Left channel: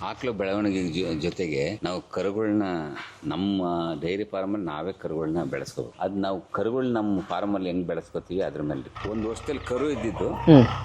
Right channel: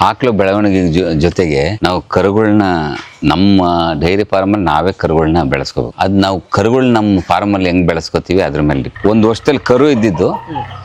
ಆಕಳು ಬೆಳವಣಿಗೆ ಜೊತೆಗೆ ನಾವು ಕರುಗಳನ್ನ ನಮ್ಮ ಡೈರಿ ಫಾರ್ಮಲ್ಲಿ ನಾವೇ ಕರುಗಳನ್ನ ಬೆಳೆಸ್ಕೋಬೇಕು. ಅದ್ ನಾವು ಕರುಗಳು ನಮ್ಮ ಫಾರ್ಮಲ್ಲಿ ಹೆಂಗ್ ಬೆಳೆಸ್ಕೋತೀವಿ ಅದ್ರ ಮೇಲೆ. ಒಂದು ವರ್ಷದಲ್ಲಿ ಕರು ಇದ್ದಿದ್ದು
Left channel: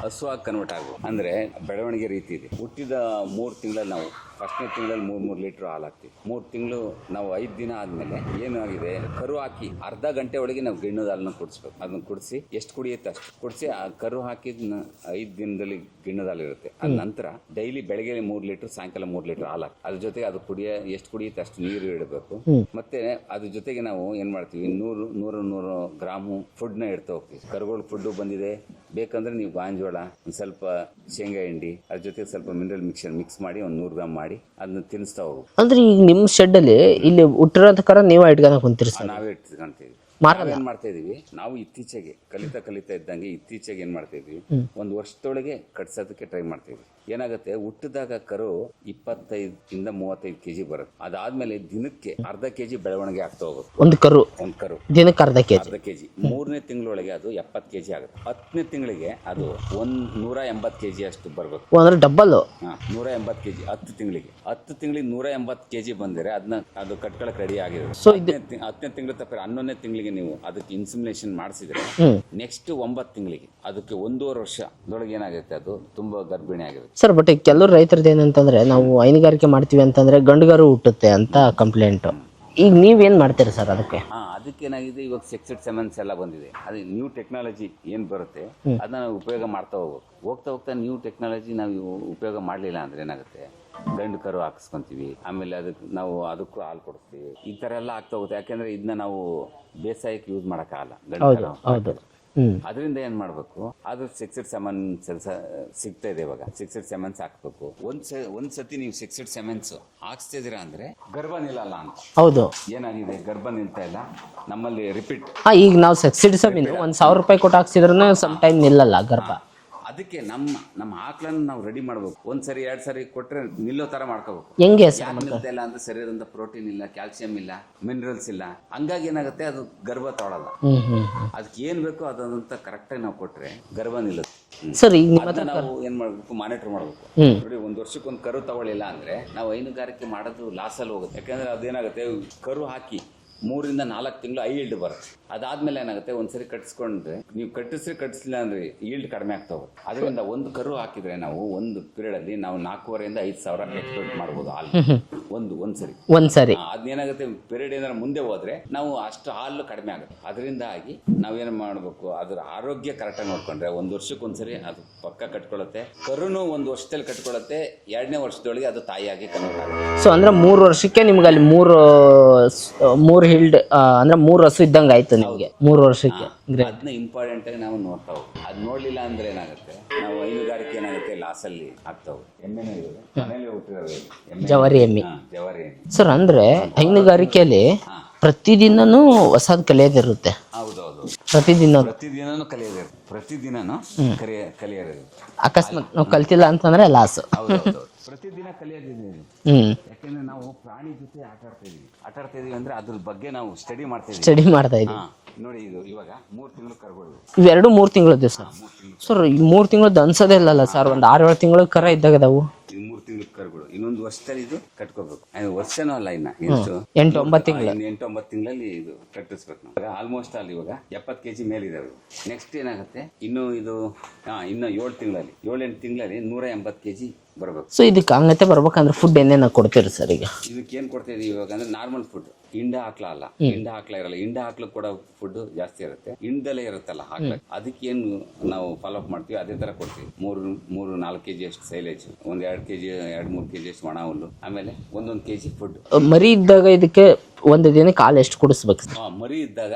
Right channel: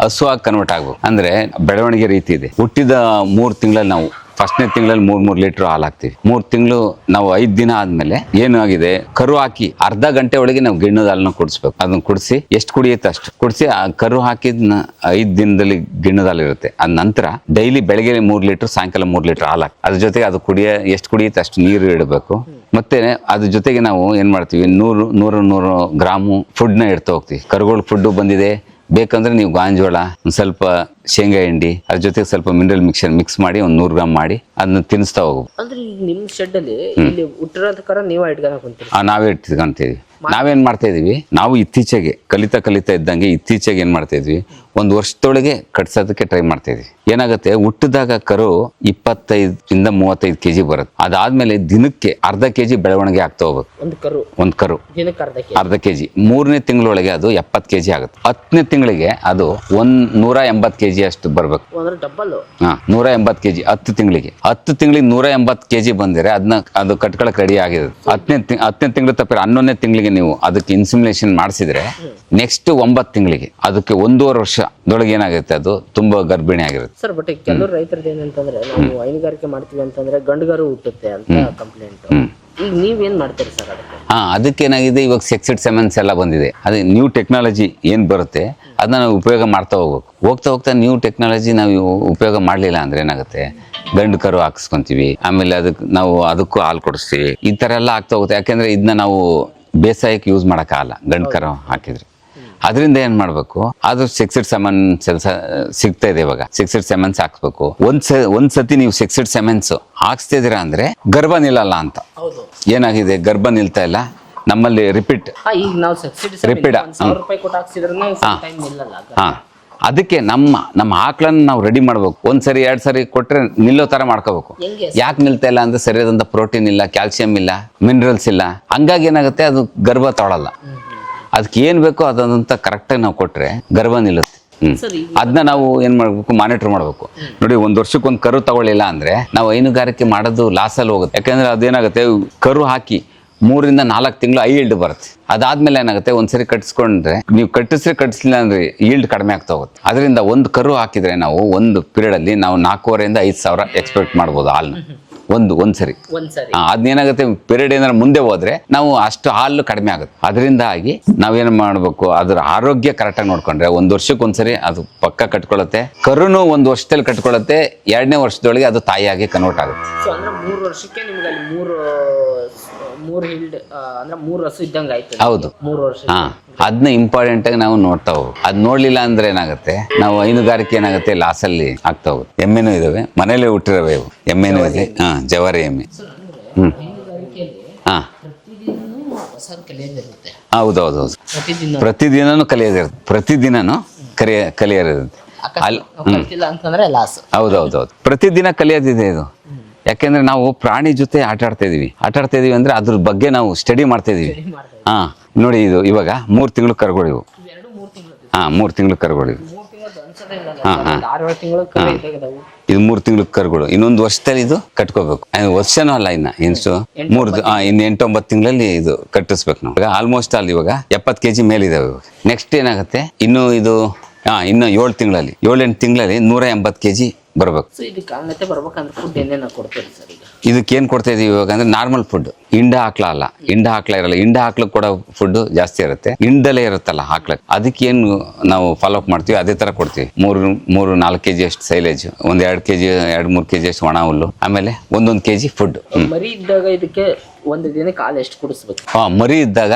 ಹಸು ಆಗಿ ಕನ್ವರ್ಟ್ ಆಗ್ಬೇಕು. ಅಂದ್ರೆ ಬೆಳವಣಿಗೆ ರೀತಿ ಇದೆ. ಹುಟ್ಟಿದ ಮೂರು ತಿಂಗಳಲ್ಲಿ ನಾವು ಫಸ್ಟ್ನೇ ತಿಂಗಳಲ್ಲಿ ಮೂರ್ ಮೂರ್ ಲೀಟರ್ ಹಾಲು ಹಾಕ್ತಿವಿ. ಮೂರ್ ತಿಂಗಳು ನಾವು ಐದ್ ದಿನ ಆದ್ಮೇಲೆ ಏನು ಆಗಿದೆ? ಕರು ಹಾಕಿ ಅರ್ಧ ಗಂಟೆ ಒಳಗೆ ನಾವು ಗಿಣ್ಣದ ಹಾಲನ್ನ ಕುಡಿಸ್ಬೇಕು. ಅದನ್ನ ಕುಡಿಸಿ ಎಷ್ಟು ಕುಡಿಯುತ್ತೆ ಅಷ್ಟು? ಕುಡಿಸಿ ಆ ಕರು ಹಾಕಿದ್ನ ಐದ್ ದಿನದಲ್ಲಿ ಗಿಣ್ಣದ ಹಾಲು ಇರುತ್ತೆ. ಅದ ನಂತರ ಡೈಲಿ ಬೆಳಗ್ಗೆ ಮೂರ್ ಲೀಟರ್ ಸಾಯಂಕಾಲ ಮೂರ್ ಲೀಟರ್ ಹಾಲು ಹಾಕಿ ಅದ್ರ ಜೊತೆಗೆ ಅದು ಕುಡಿಯ ಎಷ್ಟು ಕುಡಿಯುತ್ತೆ ಅಷ್ಟು ನೀರು ಇಡಬೇಕು. ಮತ್ತೆ ಅದ್ರ ಜೊತೆಗೆ ನಾವು ಏನ್ ಮಾಡ್ತೀವಿ? ನೂರು ನೂರು ನೂರು ಗ್ರಾಮು ಫುಡ್ನ ಇಡ್ತಾ ಹೋಗ್ತೀವಿ. ಕರುಗಳು ಫುಡ್ ಬಂದಿದೆ. ಬೇಕಂದ್ರೆ ನೀವು ಗಾಂಜೋಳ ಒಂದು ಸ್ವಲ್ಪ ಶೇಂಗಾ ಹಿಂಡಿ ಅದ್ರ ಜೊತೆಗೆ ಸ್ವಲ್ಪ ಮಿನರಲ್ ಮಿಕ್ಸರ್ ಮಿಕ್ಸ್ ಮಾಡಿ ಒಂದು ನೂರು ಗ್ರಾಮ್ ಮಾಡಿ ಅದನ್ನ ತಿನ್ನಿಸ್ತಾ ಹೋಗು. ಅಂದ್ರೆ ಈಗ ನಿಮ್ಮ ಶೆಡ್ ಅಲ್ಲಿ ಇಲ್ಲಿ ಹುಟ್ಟಿರೋ ನೀವೇ ನೀವ್ ಇಟ್ಕೊಂಡ್ ಕುಂತೀರಿ ಆ, ನಾವೇ ಇಟ್ಕೊಂತೀವಿ. ನಾವೇನ್ ಮಾಡ್ತಾ ಇದೀವಿ? ನಾವು ಇತ್ತೀಚೆಗೆ ಕಲಿತಾ ಕಲಿತಾ ಇದ್ದಂಗೆ ಇತ್ತೀಚೆಗೆ ಏನ್ ಮಾಡ್ತಾ ಇದ್ವಿ? ಒಂದ್ ವರ್ಷದೊಳಗೆ ಕಟ್ಸೋದಕ್ಕೆ ಟ್ರೈ ಮಾಡ್ತಾ ಇದ್ವಿ. ಏನಾಗುತ್ತೆ? ಹುಟ್ಟಿದಾಗ ಕರು ಇಪ್ಪತ್ತೈದರಿಂದ ಮೂವತ್ತೈದು ಕೆಜಿ ಬರುತ್ತೆ. ಅದಾದ್ಮೇಲೆ ದಿನಕ್ಕೆ ಅರ್ಧ ಕೆಜಿ ಬೆಳವಣಿಗೆ ಆಗ್ತಾ ಹೋಗ್ಬೇಕು ಒಂದು ಕರು. ಒಂದ್ ಕರು. ದಿನಕ್ಕೆ ಅರ್ಧ ಕೆ ಅರ್ಧ ಕೆಜಿ. ಮೂರನೇ ತಿಂಗಳೊಳಗೆ ಅದು ಎಪ್ಪತ್ತು ಕೆಜಿ ಆಗುತ್ತೆ. ಹತ್ತನೇ ತಿಂಗಳಿಗೆ ಅದು ಒಂದ್ ನೂರ ಎಂಬತ್ತು ಕೆಜಿ ಅಷ್ಟು ಬರ್ಬೇಕು. ಅಂದ್ರೆ ಡಬ್ಬಲ್ ಹಾ ನೂರ ಎಂಬತ್ತು ಕೆಜಿ ಹತ್ತು ತಿಂಗಳಿಗೆ. ಹತ್ತು ತಿಂಗಳಿಗೆ ನೂರ ಎಂಬತ್ತು ಕೆಜಿ ಬಂದರೆ ಅದನ್ನ ಅದು ಕಟ್ಕೊಳಕ್ ರೆಡಿ ಆಗಿದೆ ಹತ್ತನೇ ಹತ್ತನೇ ತಿಂಗಳು ತಪ್ಪಿರ ಹನ್ನೊಂದನೇ ತಿಂಗಳಿಗೆ ನೀವು ಅದಕ್ಕೆ ಇನ್ಸುಮಿನೇಷನ್ ಮಾಡಿಸಿದ್ರೆ ನೆಕ್ಸ್ಟ್ ಒಂಬತ್ತು ತಿಂಗಳಿಗೆ ಅದಕ್ಕೆ ಒಂದೂವರೆ ವರ್ಷದೊಳಗೆ ಏನಾಗುತ್ತೆ ಅದು? ತುಂಬಾ ಗರ್ಭಿಣಿ ಆಗಿರುತ್ತೆ. ಸರ್ ಬಟ್ ಕೆಲವರು ರೈತರದ್ದು ಏನಂತಂದ್ರೆ ನಾವು ಹೈನುಗಾರಿಕೆ ಮಾಡ್ತೀವಿ ಅಂತಂದ್ರೆ ಗಂಡುಗಾರು ಹುಟ್ಟುತ್ತೆ ಅಂತ ಕಂಪ್ಲೇಂಟ್ ಈಗ ನೀವೇನ್ ಮಾಡ್ತೀರಿ ಸರ್ ಅದಕ್ಕೆ? ಹಾ ಅದಕ್ಕೇನಾಗಿದೆ ಇವಾಗ ಸೆಕ್ಸಿಡ್ ಸೆಮೆನ್ಸ್ ಎಲ್ಲ ಬಂದಿದೆ. ಅದೇ ನ್ಯೂ ಟೆಕ್ನಾಲಜಿ ಏನ್ ಬರುತ್ತೆ ಅದನ್ನ ನಾವು ಉಪಯೋಗ ಮಾಡ್ತಾ ಹೋಗ್ಬೇಕು. ಹೋಗ್ತಾ ಹೋಗ್ತಾ ನ್ಯೂ ಟೆಕ್ನಾಲಜಿ ನಾವು ಉಪಯೋಗ ಮಾಡಲಿಲ್ಲ ಅಂದ್ರೆ ಏನಾಗುತ್ತೆ? ಗಂಡು ಕರು ಹಾಕಿಸ್ಕೊಂತೀವಿ. ಆಮೇಲೆ ಅದಕ್ಕೆ ನಾವು ಅದಕ್ಕೂ ಹಾಲು ಕೊಡಿಸ್ತೀವಿ. ಈ ತರ ಎಲ್ಲ ಆಗ್ತಾ ಹೋಗುತ್ತೆ. ಯಾಕೆಂದ್ರೆ ಇದನ್ನ ನಾವು ಬೇಸಾಯಕ್ಕೆ ಯೂಸ್ ಮಾಡೋಕ್ಕಾಗಲ್ಲ ಆಗಲ್ಲ ಕರು ಹಾಕಿದ್ರೆ. ಅದರಿಂದ ಏನ್ ಮಾಡ್ಬೇಕು? ಅದು ಸೆಕ್ಸಿಡ್ ಸೆಮೆನ್ಸ್ ಸಿಗ್ತಾ ಇದೆ ಇವಾಗ. ಸಿಕ್ಸಿಡ್ ಸೆಮೆನ್ಸ್ ಹಾಕ್ಸ್ಬೇಕು. ಒಂದ್ ಒಂದ್ ಸತಿ ನೀವು ಸೆಕ್ಸಿಡ್ ಸೆಮೆನ್ಸ್ ಇದೀರಾ ಅಂದ್ರೆ ಗರ್ಭ ನಿಲ್ಲಲ್ಲ ಅಂತ. ಹೌದು. ಏನಾಗಿದೆ? ಗರ್ಭ ನಿಲ್ತಾ ಇಲ್ಲ. ನಮ್ಮಲ್ಲಿ ರಿಪೀಟ್ ಈಗ ನಾವು ಸಬ್ಸಿಡಿ. ಒಂದ್ ಸಾವಿರ ರೂಪಾಯಿ ಕೊಟ್ಟು ಹಾಕ್ಸಿದ್ರು ಟೈಮ್ ನಿಲ್ಲಲ್ಲ ಅದಕ್ಕೆ ನಮ್ಮ ನಮ್ಮ ಆಕಳನ್ನ ನಾವು ರೆಡಿ ಮಾಡ್ಬೇಕು. ಒಂದ್ ಸರಿ ಎರಡ್ ಸರಿ ಕೊಟ್ರೆ ನಿಲ್ಲೋ ತರ ಮಾಡ್ಕೋಬೇಕು. ಹೆಂಗೆ ಯಾಕೆ ನಿಲ್ತಾ ಇಲ್ಲ ಅಂದ್ರೆ ಸರಿಯಾದಂತ ಪ್ರೋಟೀನ್ ಇಲ್ಲ ಕ್ಯಾಲ್ಸಿಯಂ ಇಲ್ಲ ಮಿನರಲ್ಸ್ ಇಲ್ಲ. ಹಂಗಾಗಿ ಏನಾಗುತ್ತೆ ಅದು ಗರ್ಭ ತೊಳಲ್ಲ. ಅದಕ್ಕೆ ಏನ್ ಬೇಕೋ ಅದಂತ ಕರೆಕ್ಟ್ ಆಗಿ ನಾವು ಕೊಟ್ರೆ ಗರ್ಭ ನಿಲ್ಲುತ್ತೆ. ಸರಿ ಅದನ್ನ ನಾವು ಏನ್ ಮಾಡ್ಬೇಕು ಮಾನಿಟರ್ ಮಾಡ್ಬೇಕು. ನೋಡಿ ಒಂದ್ ವರ್ಷಕ್ಕೆ ಒಂದ್ ಕರು ತಗೊಳ್ಳಿಲ್ಲ ಅಂದ್ರೆ ನಾವು ಹೈನುಗಾರಿಕೆ ಮಾಡೋದು ಲಾಸ್ ಅಲ್ಲಿ ಹೋಗುತ್ತೆ. ಯಾಕಂದ್ರೆ ಅದೇನಾಗುತ್ತೆ ಕರು ಹಾಕಿ ಮೂರಿಂದ ನಾಲ್ಕು ತಿಂಗಳು ಐ ಇಲ್ಡ್ ಬರುತ್ತೆ. ಅದಾದ್ಮೇಲೆ ಏನಾಗುತ್ತೆ ಒಂದ್ಸರಿ ಕಟ್ಸ್ಕೊಂಡ್ರೆ ನೀವು ಕಟ್ಟಿಸ್ರಿ ಕಟ್ಟಿಸ್ಲಿಲ್ಲ ಅಂದ್ರೆ ಈಲ್ಡ್ ಕಡಿಮೆ ಆಗ್ತಾ ಹೋಗುತ್ತೆ. ಅದರಿಂದ ಒಂದು ಕರು ಹಾಕಿದ್ರೆ ನಾವು ಒಂದು ಪೀರಿಯಡ್ ಅಲ್ಲಿ ನಾವು ನಾಲ್ಕೂವರೆಯಿಂದ ಐದು ಸಾವಿರ ಎಕ್ಸ್ಪೆಕ್ಟ್ ಮಾಡ್ಬೋದು ಹಾಲ್. ಒಂದು ಒಂದ್ಸರಿ ಒಂದ್ಸರಿ ಅದೇನಾಗುತ್ತೆ ಪೀರಿಯಡ್ ಏನಾದ್ರು ಮುಂದೆ ಹೋದ್ರೆ ನಾವು ಅಷ್ಟು ಹಾಲು ಕಡಿಮೆ ಆಗುತ್ತೆ. ಅದರಿಂದಾಗಿ ನಾವೇನು ಮಾಡಬೇಕು ಅದ್ರ ಆರೋಗ್ಯ ಕರೆಕ್ಟಾಗಿ ನೋಡ್ಕೊಂಡ್ರೆ ಒಂದ್ ವರ್ಷಕ್ಕೆ ಒಂದ್ಸರಿ ಅದು ಪಕ್ಕ ಕಟ್ಕೊಳ್ಳುತ್ತೆ. ಕರುನು ಒಂದು ವರ್ಷದಲ್ಲಿ ಕಟ್ಕೊಳ್ಳುತ್ತೆ ಎರಡನೇ ವರ್ಷದೊಳಗೆ ಅದು ತಾಯಿಯಾಗಿ ಕನ್ವರ್ಟ್ ಆಗುತ್ತೆ. ಸೊ ಅಂದ್ರೆ ಮೂರು ವರ್ಷಕ್ಕೆ ನಿಮ್ಗೆ ಅಲ್ಲಿ ಮೂರು ಮೂರು ಹಿಲ್ಡ್ ಅಂದ್ರೆ ಮೂರು ಹಸು ಇದ್ದಂಗೆ ಆಯ್ತು. ಹೌದು. ಮೂರು ವರ್ಷ ಹಾ ಅದನ್ನ ಇಂಪಾರ್ಟೆಂಟ್ ಆಗಿ ನಾವು ನೋಡ್ತಾ ಹೋಗ್ಬೇಕು ಅದ್ ನೋಡ್ಲಿಲ್ಲ ಅಂದ್ರೆ ಏನಾಗುತ್ತೆ? ನಾವು ಹೈನುಗಾರಿಕೆ ಏನಾಗುತ್ತೆ? ಲಾಸ್ ಅಲ್ಲಿ ಆಗ್ತಾ ಹೋಗುತ್ತೆ ಎಮ್ಮೆನೂ ಇದಾವೆ. ಮನೇಲೆ ಹುಟ್ಟಿರವೆ ಇವು. ಎಮ್ಮೆನೂ ಇದೆ. ಹಾ ಜವಾರಿ ಎಮ್ಮೆ. ಸರ್ ಅಂದ್ರೆ ಹೈನುಗಾರಿಕೆಯಲ್ಲಿ ಹಾ. ಪ್ರತಿದಿನನೂ ಹೊಸದ್ ಕಲಿಯೋದಿರುತ್ತೆ. ಹೌದೌದೌದು ಪ್ರತಿದಿನ ಪ್ರತಿದಿನನೂ. ಕಲಿಯೋದಿರುತ್ತೆ. ಪ್ರತಿದಿನನೂ ಕಲಿಯ ಕಲಿಯೋದಿರುತ್ತೆ. ಕಲ್ತಿಲ್ಲ ಅಂತಂದ್ರೆ ಲಾಸ್ ಹೌದು ಪ್ರತಿದಿನ ಕಲಿಯೋದಿದೆ ಇದು. ಯಾಕೆಂದ್ರೆ ನಾವು ಪ್ರಾಣಿ ಜೊತೆ ಆಟ ಆಡ್ತಾ ಇದೀವಿ ಆಟ ಆಡ್ತಾ ಇದೀವಿ ಅಂದ್ರೆ ಅದ್ರ ಬಗ್ಗೆ ನಾವು ಸ್ಟಡಿ ಮಾಡ್ತಾ ಇದೀವಿ ಸ್ಟಡಿ ಮಾಡ್ತಾ ಹಾ ನೋಡಿ ಇದು ಇವಾಗ ಮೂರ್ ತಿಂಗಳು ಕರುಗಳು ಇವು. ಇವೆರಡು ಮೂರು ತಿಂಗಳು ಹಾ ಮೂರ್ ತಿಂಗಳು ಕರುಗಳು ಮೂರು ತಿಂಗಳು ಅನ್ಸೋದೇ ಇಲ್ಲ ಸರ್? ಒಂದು ಆರು ಏಳು ತಿಂಗಳು ಕರ ಇದ್ದಾಗ ಅದಾವು ಇದು ಮೂರ್ ತಿಂಗಳು ಕರುಗಳು. ಇನ್ನೊಂದು ವರ್ಷದಲ್ಲಿ ಇದು ಕಟ್ಕೋಬೇಕು. ವರ್ಷನೂ ಅಲ್ಲ ಇನ್ನ. ಇನ್ಸು ಮೂರ್ ಆ, ಇನ್ನು ಎಂಟೊಂಬತ್ತು ತಿಂಗಳಲ್ಲಿ ಇದು ಕಟ್ಟಿಸ್ಬೇಕು ನಾವು. ಆಲ್ಮೋಸ್ಟ್ ಅಲ್ಲಿ ಇವಾಗ ಎಪ್ಪತ್ ಕೆಜಿ ಮೇಲಿದಾವೆ ಇವಾಗ. ನೆಕ್ಸ್ಟ್ ಏನಾಗುತ್ತೆ? ಇನ್ನು ಇದು ಹಾ ಇನ್ನು ಏಳು ತಿಂಗಳಲ್ಲಿ ಏಳೆಂಟು ತಿಂಗಳಲ್ಲಿ ನೂರ ಎಂಬತ್ತು ಕೆ ಜಿ ಬರಬೇಕು. ಸೊ ಇದಕ್ಕೆ ಹಂಗತೆ ಬರ್ಬೇಕಂದ್ರೆ ಫುಡ್ ಏನೇನು ಕೊಡ್ತೀರಿ ಸರ್ ಈಗ? ಇದಕ್ಕೆ ಏನು ಕೊಡ್ತಾ ಇದೀವಿ ಇವಾಗ ಅಂದ್ರೆ ನಾರ್ಮಲ್ ಫುಡ್ ಇಂಡ ಹಾಕ್ಲ ಅಲ್ಲ. ಇಂಡ ಹಾಕ್ಲ ಇರಲ್ಲ. ಇಂಡ ಹಾಕ್ಲಕ್ಕೆ ಕೂಡ ಫುಡ್ ಜಾಸ್ತಿ ಇರುತ್ತೆ. ಇಂಡಲೇ ಇರುತ್ತಲ್ಲ ಹಾಕ್ಲಕ್ಕೆ ಅದಕ್ಕೆ ಏನು ನಾವು ಫಾಲೋ ಅಪ್ ಮಾಡ್ತೀವಿ. ಅದೇ ತರ ಕೊಡ್ತೀವಿ. ಮೂರು ಮೂರು ನಾಲ್ಕು ಕೆಜಿ ಅಷ್ಟು ಸೈಲೇಜ್ ಒಂದ್ ಎರಡು ಕೆಜಿ ಎರಡು ಮೂರು ಕೆಜಿ ಅಷ್ಟು ಒಣ ಹುಲ್ಲು ಆಮೇಲೆ ಒಂದೊಂದು ಕೆಜಿ ಫುಡ್ ಮರಿ ಇದ್ದಾಗ ಇದಕ್ಕೆ ಒಂದು ದಿನಕ್ಕೆ ಕಾಲು ಎಷ್ಟು ಕುಡಿಸ್ಬೇಕು? ಹಾ ಮರಿ ಇದ್ದಾಗ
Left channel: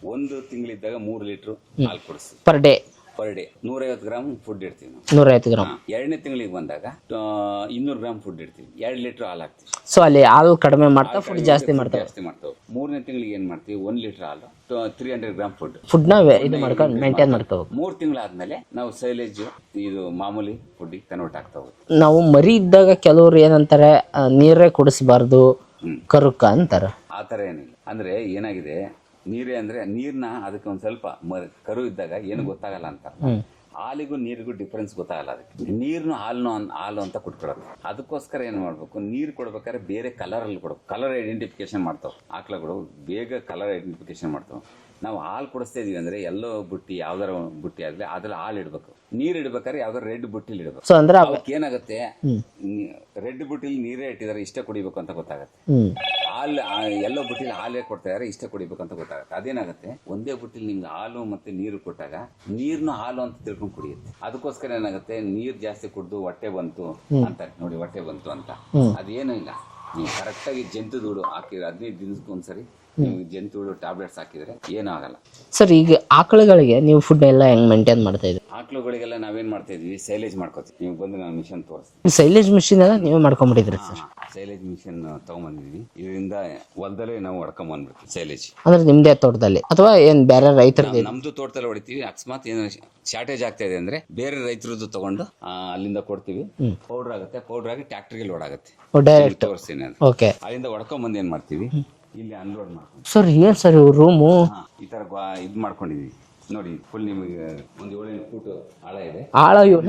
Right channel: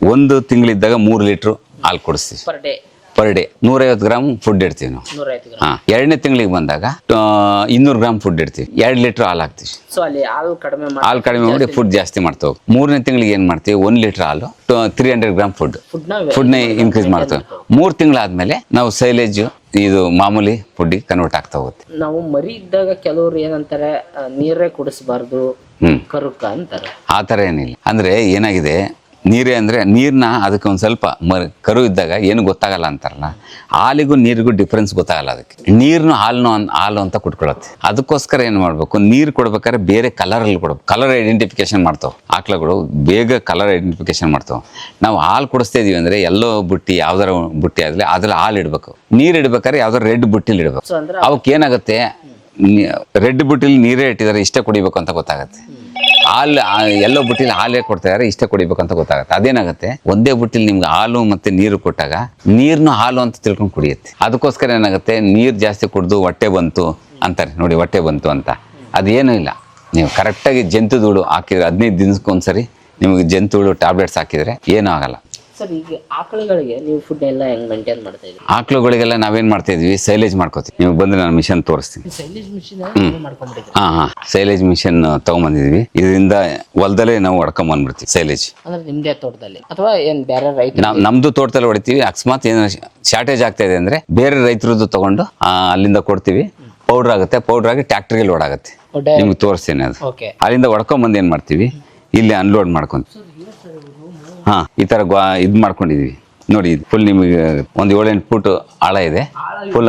ಒಂದು ತಿಂಗಳಿದ್ದಾಗ ಮೂರು ಲೀಟ್ರ್ ಹಾಲು ಕೊಡಿಸ್ತೀವಿ. ಪರ್ ಡೇ ಪರ್ ಡೇ ನೂರೈವತ್ತು ಗ್ರಾಮ್ ಫುಡ್ ಇಡ್ತೀವಿ ನಾವು. ನೂರೈವತ್ತು ಗ್ರಾಮ್ ಹಾ ಎರಡನೇ ತಿಂಗಳಿಗೆ ಬಂದಾಗ ಇನ್ನೂರು ಗ್ರಾಮ್ ಫುಡ್ ಇಡ್ತೀವಿ. ಎರಡು ಲೀಟರ್ ಹಾಲು ಹಾಕ್ತೀವಿ. ಸೊ ಅಲ್ಲಿ ಹಾಲು ಕಡಿಮೆ ಮಾಡಿ ಹಾಲು ಕಡಿಮೆ ಮಾಡಿ ಫುಡ್ ಜಾಸ್ತಿ ಮಾಡ್ತಾ ಹೋಗಿ ಮೂರನೇ ತಿಂಗಳಿಗೆ ಏನ್ ಮಾಡ್ತೀವಿ? ಒಂದ್ ಲೀಟರ್ ಹಾಲು three hundred gram food food ಫುಡ್ನ ಇನ್ಕ್ರೀಸ್ ಮಾಡ್ತಾ ಮೂರ್ ತಿಂಗಳಾದ್ಮೇಲೆ ನಾವು ಸೈಲೇಜ್ ಇದು ಮಾಮೂಲಿ ಫುಡ್ ಕನ್ವರ್ಟ್ ಆಗ್ತಾ ಹೋಗುತ್ತೆ ನಾವು ಮರಿ ಇದ್ದಾಗ ಕೆಲವರು ಏನಂತಾರೆ ನೀರೇ ಕುಡಿಸಬಾರ್ದು ಹ್ಮ್. ಕರುಕ್ಕ ಅಂತಾರೆ. ಆತರ ಥರ ಏನಿಲ್ಲ. ಅಂದ್ರೆ ಏನಾಗಿದೆ? ನೀರೇ ಅಂದರೆ ನೀರನ್ನ ಅದಕ್ಕೆ ಒಂದು ಸ್ವಲ್ಪ ಮ- ಕರು ಇದ್ದಾಗ ಏನು ಗೊತ್ತಾಗಲ್ಲ ಅಂತಾರಲ್ಲ? ಹಾಲಿಗೂ ನೀರಿಗೂ ಡಿಫ್ರೆನ್ಸ್ ಗೊತ್ತಾಗಲ್ಲ ಅದಕ್ಕೆ. ನೀರನ್ನು ಹಾಲನ್ನು ಅನ್- ಹಾಲು ಅಂತ ಕುಟ್ಕೊಳತ್ತೆ. ಅದಕ್ಕೋಸ್ಕರ ಏನು ಮಾಡಬೇಕು? ನೀರು ಕೊಡ್ಬೇಕಾದ್ರೆ ಬೇರೆ ಕಲರ್ ಅಲ್ಲಿ ಕೊಡ್ಬೇಕು. ಕಲರ್ ಐಡೆಂಟಿಫಿಕೇಶನ್ ಮಾಡ್ತಾವೆ. ಆಕಳುಗಳು ಬೇಗ ಕಲರ್ ಐಡೆಂಟಿಫಿಕೇಶನ್ ಮಾಡ್ತಾವೆ. ನಾವು ಹಾಲು ಕುಡಿಸ್ತಾ ಇದೀವಿ ಅಂದ್ರೆ ಎಲ್ಲೋ ಬುಟ್ಟಿ ಯಾವ್ದಾರ ಬುಟ್ಟಿ ಆಗಲಿ ಅದ್ರಲ್ಲಿ ಹಾಲು ಇಡಬೇಕು. ನೀರು ಇಡ್ಬೇಕಾದ್ರೆ ಯಾವ್ದಾರ ರೆಡ್ ಬುಟ್ಟಿಲಿ ಇಡಬೇಕು. ಅವಕ್ಕೆ ಏನಾಗುತ್ತೆ? ರೆಡ್ ಬುಟ್ಟಿಲಿ ನೀರೇ ಇಟ್ಟಿದ್ದಾರೆ ಇಷ್ಟ ಕುಡಿಬೇಕು ಅಂತ ಗೊತ್ತಾಗುತ್ತೆ. ಹಾಲು ಎಲ್ಲೋ ಬುಟ್ಟಿಲಿ ಹಾಲೇ ಕೊಡ್ತಾ ಇದಾರೆ ಇಷ್ಟ ಕುಡಿಬೇಕು ಅಂತ ಗೊತ್ತಾಗುತ್ತೆ. ಅದೇನಾಗುತ್ತೆ? ಒಂದೇ ಬುಟ್ಟಿಲಿ ನಿಮ್ಗೆ ಹಾಲು ಮತ್ತೆ ನೀರು ಕೊಟ್ಟಾಗ ನೀರ್ನು ಹಾಲು ಅಂತ ತಿಳ್ಕೊಂಡು ಕುಡಿಯುತ್ತೆ. ಅದಕ್ಕೋಸ್ಕರ ಏನಾಗುತ್ತೆ? ನೀರ್ ಜಾಸ್ತಿ ಕುಡಿದು ಹೊಟ್ಟೆ ಬಂತು ಅಂತಾರೆ. ನೋಡಿ ಹೊಟ್ಟೆ ಬಂತು ಅಂತ. ಅದೇನು ಇಲ್ಲ. ನೀವು ಕರೆಕ್ಟಾಗಿ ಜಂತುಧೂಳು ಹಾಕಿದ್ರೆ ಹದಿನೈದು ದಿನಕ್ಕೊಂದ್ಸರಿ ನಿಮಗೆ ಜಂತುಳು ಟ್ಯಾಬ್ಲೆಟ್ಸ್ ಹಾಕಿದ್ರೆ ಏನೂ ಆಗಲ್ಲ. ಸರ್ ಈಗ ಆಕಳುಗಳಿಗೆ ನೀವು ಫುಡ್ ಎಲ್ಲ ಹೆಂಗ್ ಮೇಂಟೈನ್ ಮಾಡ್ತಾ ಇದ್ದೀವಿ ಆಕಳುಗಳಿಗೆಲ್ಲ ನಾವೇನ್ ಮಾಡ್ತಾ ಇದ್ವಿ? ಸೈಲೇಜ್ ಮಾಡ್ಕೋತೀವಿ. ನೀವು ಬಂದ್ರೆ ನಾನು ಮಿಷನ್ ತೋರಿಸ್ತೀನಿ. ಸೈಲೇಜ್ ಮಿಷಿನ್ ನೀವು ಮಾಡ್ಕೊಂಡ್ಬಿಟ್ಟಿದ್ರಿ ಹಾ ಹಾ. ಸೈಲೇಜ್ ಮಿಷನ್ ತಗೊಂಬಂದಿದ್ವಿ ಇದರಿಂದ ಹೊಲದಲ್ಲೇ ನಾವು ಹೊಡ್ಕೊಂಡ್ ಬಂದ್ಬಿಡ್ತೀವಿ ಸೈಲೇಜ್. ಅಂದ್ರೆ ನಿಮ್ದೇ ತೋಟದಲ್ಲಿ? ಅಥವಾ ಏನ್ ಬೇರೆ ರೈತ ನಮ್ದು ತೋಟದಲ್ಲಿ ಹೊಡಿತೀವಿ. ಅಕಸ್ಮಾತ್ ಏನ್ ಶಾರ್ಟೇಜ್ ಆಗ್ತಾ ಇದೆ ಅಂದ್ರೆ ಬೇರೆ ರೈತರದ್ದು ತಗೊಂಡು ಆ, ಅಲ್ಲಿಂದ ಕೊಡ್ತೀವಿ. ಪೌಡರ್ ಆಗುತ್ತೆ. ಪೌಡರ್ ಆಗಿ ಟ್ಯಾಕ್ಟರ್ಗೆ ಲೋಡ್ ಆಗುತ್ತೆ. ನಿಮ್ಗೆ ತೋರಿಸ್ತೀನಿ ಅದು. ಓಕೆ ಅಲ್ಲಿಂದ ಹೊಡ್ಕೊಂಡ್ ಬಂದು ಏನ್ ಮಾಡ್ತೀವಿ? ಇಲ್ಲಿ ಅನ್ಲೋಡ್ ಮಾಡ್ಕೊಂಡ್ ಸರ್ ಏನ್ ಸರ್ ರೂಮು ಹಾ ಈ ತರ ಗ್ವಾ- ಇದ್ ಮಾಡ್ಕೊಂಡಿದೀವಿ. ನೋಡಿ ಫುಲ್ ನಿಮಗೆ ಒಂದ್ ಏಳೆಂಟು ಫುಟ್ ಆಳ ಇದೆ. ಆಳ ಫುಲ್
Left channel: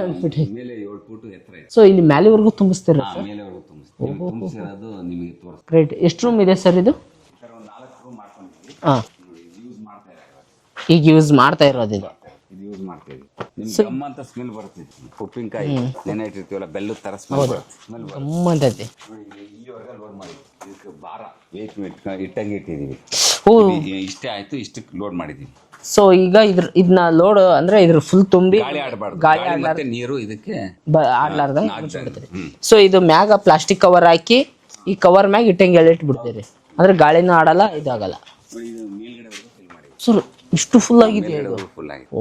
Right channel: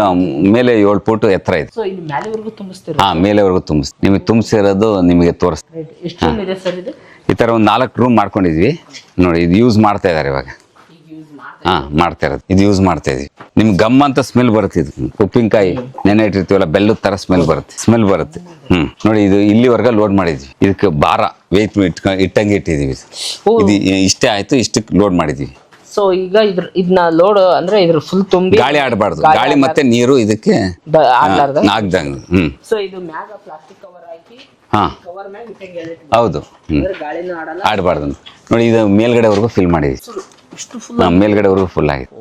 ಮೇಲೆ ಏಳು ಫುಟ್ ಎತ್ತರ ಇದೆ. ಸೊ ಇಲ್ಲಿ ಮೇಲೆವರೆಗೂ ತುಂಬಿಸ್ತೀರ? ಹಾ ಮೇಲೆವರೆಗೂ ತುಂಬಿಸ್ ನಿಮಗೆ ತುಂಬಿಸಿರೋದು ನಿಮಗೆ ತೋರಿಸ್ ಗ್ರೇಟ್ ಎಷ್ಟು ರೂಮ್ ಇದೆ ಸರ್ ಇದು? ಈ ತರ ಒಂದ್ ನಾಲ್ಕು ರೂಮ್ ಮಾಡ್ಕೊಂಡಿದ್ವಿ. ನೋಡಿ ಇದು ಯೂಸ್ ಮಾಡ್ತಾ ಇದಾರೆ ಇವಾಗ. ಈಗ ಯೂಸ್ ಮಾಡ್ತಾ ಇರೋದು. ಮಾಡ್ತಾ ಇರೋದು. ಇದು ಯೂಸ್ ಮಾಡ್ತಾ ಇದೀವಿ. ನಿಮ್ ಗಮ್ ಅಂತ ಸ್ಮೆಲ್ ಬರುತ್ತೆ ಇದು. ಉಪ್ಪಿನಕಾಯಿ ನೆನೆ ಇಟ್ಟಿರ್ತೀವಲ್ಲ ಬೆಲ್ಲದ ತರ ಸ್ಮೆಲ್ ಬರುತ್ತೆ. ಸ್ಮೆಲ್ ಬರುತ್ತೆ. ಹ್ಮ್. ನೋಡಿ ಇದು ಇಲ್ಲಿವರೆಗೆ ಲೋಡ್ ಮಾಡಿದ್ವಿ. ಇದಕ್ಕೆ ಭಾರ ವೇತ್ ಇಟ್ಟಂಗೆ ಇಟ್ಟಿದೀವಿ ಇದು ಇಷ್ಟೇ ಆಯ್ತು ಇಷ್ಟಕ್ಕೆ ಲೋಡ್ ಮಾಡಿದ್ವಿ ಸೊ ಈಗ ಇದ್ರ ಇದನ್ನ ಲೋಡ್ ಅಂದ್ರೆ ಇದ್ರ ಫುಲ್ ತುಂಬಿ ಗಾಳಿ ಆಡಬಾರ್ದು. ಗಾಳಿ ಮತ್ತೆ ನೀರು ಇದಕ್ಕೆ ನಾಗ್ದಂಗೆ. ಹ್ಮ್. ಸೊ ಇದು ಮ್ಯಾಗ ಪ್ಲಾಸ್ಟಿಕ್ ಕವರ್ ಹಾಕಿ. ಈ ಕವರ್ ಮ್ಯಾಗ ಇಟ್ಟಂಗೆ ಎಳಿಟ್ಬಿಟ್ಟು ಹೌದು. ಅಂದ್ರೆ ಗಾಳಿನೂ ಆಡಲ್ಲ. ಆಡಬಾರ್ದು. ನೋಡಿ ಇದು ಮೇಲ್ಗಡೆವರೆಗೂ ಫಿಲ್ ಮಾಡಿದ್ವಿ. ಸರ್ ಇಷ್ಟು ಫುಲ್ ಹಾ, ಮೇಲ್ಗಡೆವರೆಗೂ ಫುಲ್ ಆಗಿದೆ.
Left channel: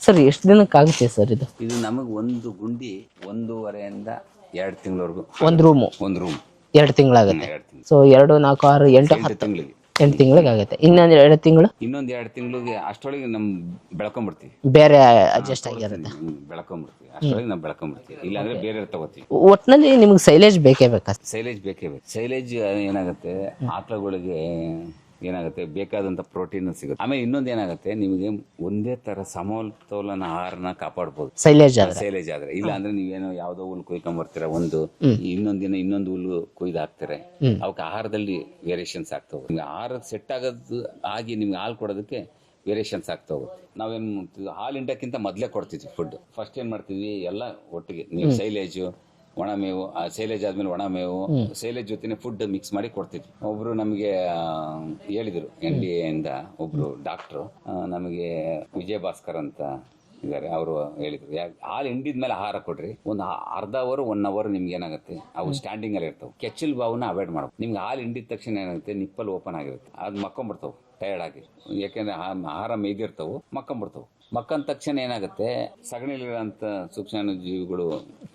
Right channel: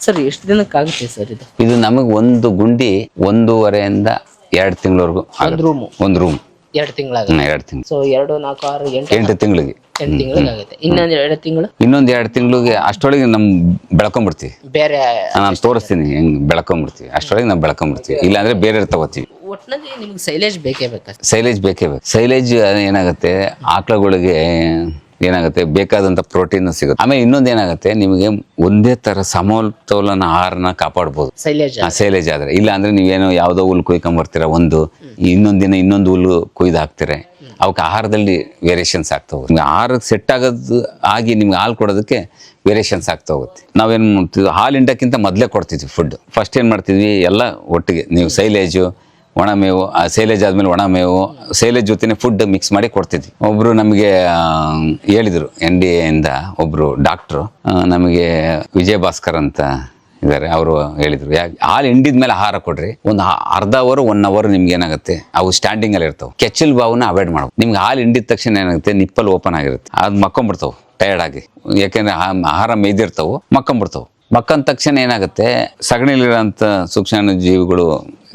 ಸರ್ ಎಷ್ಟು ದಿನಕ್ಕೆ ಆಗುತ್ತೆ ಸರ್ ಇದು? ಇದು ನಮಗೆ ಒಂದು ಗುಂಡಿ ಒಂದೂವರೆಯಿಂದ ಎರಡು ತಿಂಗಳವರೆಗೂ ಒಂದು ರೂಮ್ ಒಂದು ರೂಮ್ ಎರಡು ತಿಂಗಳಾಗ. ಎರಡು ತಿಂಗಳು. ಸೊ ಎರಡು ನಾಲ್ಕು ಆರು ಎಂಟು ಎಂಟು ತಿಂಗಳಿಗೆ. ಎಂಟು ತಿಂಗಳಿಗೆ ಆಗುತ್ತೆ. ಇನ್ನೊಂದು ಎರಡು ತಿಂಗಳು? ಇನ್ನೊಂದು ಎರಡು ತಿಂಗಳಿಗೆ ಅಷ್ಟೊಳಗೆ ನಮ್ ಬೆಳ್ಕೊಂಬಿಡ್ತೀವಿ. ಬೇರೆ ನಾನು ತೋರಿಸ್ತೀನಿ ಹೆಂಗ್ ಬೆಳ್ಕೊಂಡ್ಬಿಡ್ತೀವಿ ಅಷ್ಟೊಳಗೆ ನಾವು ಬೆಳ್ಕೊಂಡ್ಬಿಡ್ತೀವಿ ಇಲ್ಲಾಂದ್ರೆ ಬೇರೆ ತಗೋತೀವಿ ಒಟ್ನಲ್ಲಿ ನಿಮ್ಗೆ ಸೈಲೇಜ್ ಬೇಕೇ ಬೇಕಾ? ಸೈಲೇಜ್ ಬೇಕೇ ಬೇಕು. ಸೈಲೇಜ್ ಏನಾಗುತ್ತೆ? ಆಕಳುಗಳಿಗೆ ಏನಾಗುತ್ತೆ? ಬೇಕಾದಂತ ಪ್ರೋಟೀನ್ ಸಿಗುತ್ತೆ. ಆಮೇಲೆ ಇನ್ನೊಂದು ಏನಾಗುತ್ತೆ? ನಿಮಗೆ ಒಂದೇ ತರ ಸಮತೋಲನ ಆಹಾರನ ಕಾಪಾಡ್ಬೋದು. ಸೈಲೇಜ್ ಸೈಲೇಜ್ ಆದ್ರೆ. ಇಲ್ಲ ಅಂದ್ರೆ ನೀವೇನೋ ಯಾವ್ದೋ ಹುಲ್ ಕುಯ್ಕೊಂಡ್ ಬರ್ತೀರಾ ಒಂದು ಇನ್ನೊಂದ್ ದಿನ ಇನ್ನೊಂದು ಹುಲ್ಲು ಕುಯ್ದು ಹಾಕ್ತೀರಾ? ಅವಕ್ಕೆ ಆಹಾರದಲ್ಲಿ ವೇರಿಯೇಷನ್ಸ್ ಆಗ್ತಾ ಹೋಗುತ್ತೆ ಆಹಾರ ಆಹಾರಕ್ಕೆ ಸೆಟ್ ಆಗೋದು ಆಗಿ ನಿಮ್ಗೆ ಹಾಲು ಕೊಡೋದಕ್ಕೆ ವೇರಿಯೇಷನ್ಸ್ ಆಗ್ತಾ ಹೋಗುತ್ತೆ ನಾವೇನ್ ಮಾಡ್ತೀವಿ? ಹಾಲು ಹಿಂಡಕ್ಕಿಂತ ಮೊದಲೇ ಕೊಡ್ತಿದ್ವಿ ಫುಡ್ ಫಸ್ಟ್ ಏನ್ ಮಾಡ್ತಿದ್ವಿ? ಎಲ್ಲ ಒಟ್ಟಿಗೆ. ನೀವು ಸೈಲೇಜು ಒಣ ಮೇವು, ಆ ಸೇಲೇಜ್ ಆದ್ಮೇಲೆ ಒಣ ಮೇವು, ಸೇಲೇಜ್ ಜೊತೆನೆ ಫುಡ್ ಮಿಕ್ಸ್ ಮಾಡಿ ಕೊಡ್ತಿದ್ವಿ. ಒಬ್ರು ನಮಗೆ ಹೇಳಿದರು ಎನ್ ಡಿ ಎಯಿಂದ ಒಬ್ರು ಡಾಕ್ಟ್ರು ನಮಗೆ ವಿಜಯ ಭಾಸ್ಕರ್ ಅಂತ ಇದ್ದಾರೆ ಅವರು ಹೇಳಿದರು. ಯಾಕೆ ಹಾಲು ಹಿಂಡಿದ್ಮೇಲೆ ಆಹಾರ ಕೊಡ್ರಿ. ಒಂದು ಅರ್ಧ ಅವರ್ ಒನ್ ಅವರ್ ನಿಮ್ಗೆ ಏನಾಗುತ್ತೆ? ಅವು ಸ್ಟ್ಯಾಂಡಿಂಗ್ ಅಲ್ಲಿ ಇರ್ತಾವೆ. ಕೆಚ್ಚಲ್ ಬಾವನ್ನ ಅವಾಯ್ಡ್ ಮಾಡಬೇಕು ನಿಮ್ಗೆ ಹಾಲು ಹಿಂಡಿದ ತಕ್ಷಣ ಏನಾಗುತ್ತೆ? ನಿಪ್ಪಲ್ ಓಪನ್ ಆಗಿರುತ್ತೆ. ಅದು ಮಕ್ಕೊಂಬಿಡ್ತಾವೆ ಟಯರ್ಡ್ ಆಗಿ. ಯಾಕೆಂದ್ರೆ ಆಹಾರ ಮೇಯ್ದಿರ್ತಾವು, ಮಕ್ಕೊಂಬಿಡ್ತಾವೆ. ಮಕ್ಕಂದ ತಕ್ಷಣ ಏನಾಗುತ್ತೆ? ಸಗಣಿಲಿರೋಂಥ ಸೂಕ್ಷ್ಮ ಜೀವಿಗಳು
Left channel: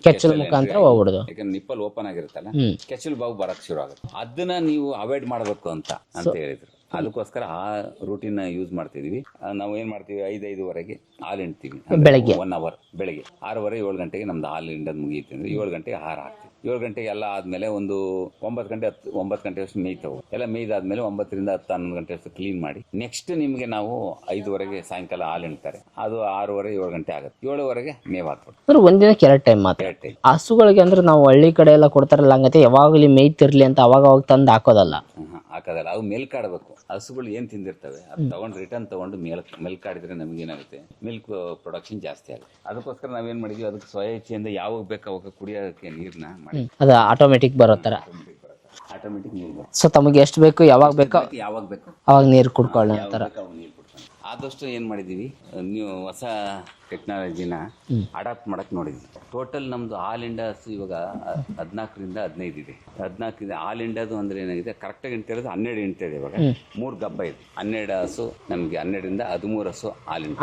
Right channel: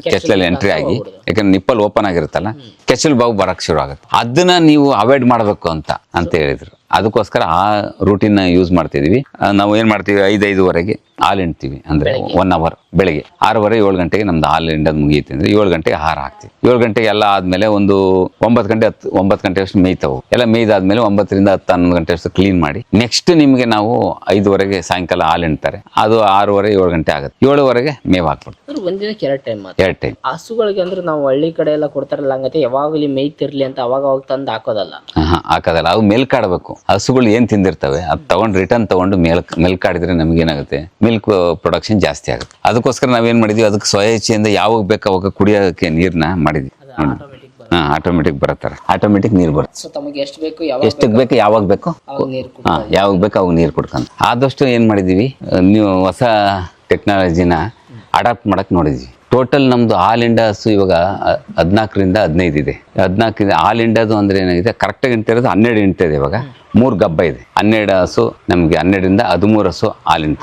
ಕೆಚ್ಚಲಲ್ಲಿ ಎಂಟ್ರಿ ಆಗಿ ಯಾಕಂದ್ರೆ ನಿಪ್ಪಲ್ ಓಪನ್ ಆಗಿರುತ್ತಲ್ಲ ಕೆಚ್ಚಲ್ ಬಾವು ಬರಕ್ ಶುರು ಆಗುತ್ತೆ. ಅದನ್ನ ನೀವು ಅವಾಯ್ಡ್ ಮಾಡ್ಬೇಕು ಅಂತ ಅಂತ ಹೇಳಿದ್ರು. ಅದಕ್ಕೋಸ್ಕರ ಆ ರೂಟಿನ್ ಯೂಸ್ ಮಾಡ್ತಿದೀವಿ. ನಾವು ಏನ್ ಮಾಡ್ತೀವಿ ಐದೈದುವರೆಗೆ ಹಾಲು ಹಿಂಡ್ತೀವಿ. ಅಂದ್ರೆ ಒನ್ ಅವರ್ ಬೆಳಿಗ್ಗೆ. ಆರೂವರೆ ಏಳು ಗಂಟೆಗೆ ನಮ್ದು ಹಾಲು ಹಿಂಡೋದು ಮುಗಿಯುತ್ತೆ. ಅಂದ್ರೆ ಏಳು ಗಂಟೆಗೆ ಆಹಾರ ಹಾಕ್ತೀವಿ. ಏಳು ಗಂಟೆಗೆ ಎಲ್ಲ ಆದ್ಮೇಲೆ ಒಂದು ಒಂಬತ್ತು ಗಂಟೆ ಹತ್ತು ಒಂಬತ್ತು ಗಂಟೆ ಅಷ್ಟು ಮೇಯ್ತಾವು. ಎಲ್ಲ ಮೇಯ್ದಾದ್ಮೇಲೆ ಒಂಬತ್ತರಿಂದ ಹತ್ತು ಹನ್ನೊಂದು ಗಂಟೆ ಅಷ್ಟು ಕ್ಲೀನ್ ಮಾಡಿ ನೆಕ್ಸ್ಟ್ ನಿಮಗೆ ನಾವು ಐದುವರೆಗೆ ಸಾಯಂಕಾಲ ಹಾಲು ಹಿಂಡ್ತಾರೆ. ಅದು ಆರೂವರೆ ಏಳು ಗಂಟೆ ಆಗುತ್ತೆ. ಏಳುವರೆಗೆ ಮೇವ್ ಹಾಕ್ಬಿಡ್ತೀವಿ. ಒಂದಿನಕ್ಕೆ ಎರಡು ಟೈಮ್ ಎರಡು ಟೈಮ್ ಹಸುಗಳಿಗೆ ಅಂದ್ರೆ ನಾವು ಹಳ್ಳಿ ಕಡೆ ಎಲ್ಲ ಕೊಡ್ತಾರಲ್ಲ ಹಂಗತೆ ಯಾವಾಗಲೂ ಮೇಯ್ತಿರ್ಲಿ ಅಂತ ಅವಾಗ ಅವಾಗ ತಂದು ಹಾಕೋದಲ್ಲ. ಹಾಕೋದಲ್ಲ. ಅವು ಮೇಲ್ಕಾಡ್ಬೇಕು. ಹಸುಗಳು ಏನ್ ತಿಂದಿರ್ತವೆ ಅದು ತಗೊಂಡು ರಿಟರ್ನ್ ತಗೊಂಡು ಮೇಲ್ ಮೇಲ್ಕಾಡಿದ್ರೆ ನಮ್ಗೆ ಏನಾಗುತ್ತೆ ಮಿಲ್ಕ್ ಪ್ರೊಡಕ್ಷನ್ ಜಾಸ್ತಿ ಆಗುತ್ತೆ. ಅದಕ್ಕೋಸ್ಕರ ನಾವೇನ್ ಮಾಡಿದ್ವಿ ಅದಕ್ಕೆ ಸ್ವಯಚ್ಛೆಯಿಂದ ಯಾವಾಗ ಬೇಕು ಅವಾಗ ಕುಡಿಯೋಕೆ ನೀರ್ನ ಮಾಡಿದ್ವಿ. ಅದು ಆಟೋಮೆಟಿಕ್ ಬರುತ್ತೆ. ಆಟೋಮೆಟಿಕ್ ಬರತ್ತಾರೆ ಆಟೋಮೆಟಿಕ್ ನೀರ್ ಬರುತ್ತೆ. ಸೊ ತಮಗೆ ಎಷ್ಟು ಬೇಕು ಯಾವಾಗ ಎಷ್ಟು ಬೇಕು? ಯಾವಾಗ ಬೇಕು? ಅವಾಗ ನೀರು ಕುಡ್ಕೊಳ್ಳಿ ಯಾವಾಗ ಬೇಕು ಅವಾಗ ನೀರು ಕುಡ್ಕೊಂಡು ಆದಷ್ಟು ಏನ್ ಮಾಡಿದೀವಿ ನೀವು ಹೊಸ ಟೆಕ್ನಾಲಜಿನ ಅಡಾಪ್ಟ್ ಮಾಡಕ್ ನೋಡಿದ್ವಿ. ಟೋಟಲ್ ನಮ್ದು ಆಲ್ ಇಂಡಿಯಾ ಹಸು ಇವಾಗ ಹದಿನಾಲ್ಕರಿಂದ ಹದಿನೈದು ಇದೆ. ಹದಿನಾಲ್ಕರಿಂದ ಆಲ್ ಇಂಡಿಯಾದು ಅಂದ್ರೆ ಏನಾಗಿದೆ ಕರೆಕ್ಟಾಗಿ ಹಿಂಡ್ತಾ ಇರೋದು ಹನ್ನೆರಡು ಹಿಂಡ್ತಾ ಇದೆ ಇವಾಗ. ಮೂರು ಗಬ್ಬ ಇದೆ. ಹನ್ನೆರಡು ಹಸು ನಮಗೆ ಹನ್ನೆರಡರಿಂದ ಹದಿಮೂರು ಹಸು ಹಾಲು ಇಂಟ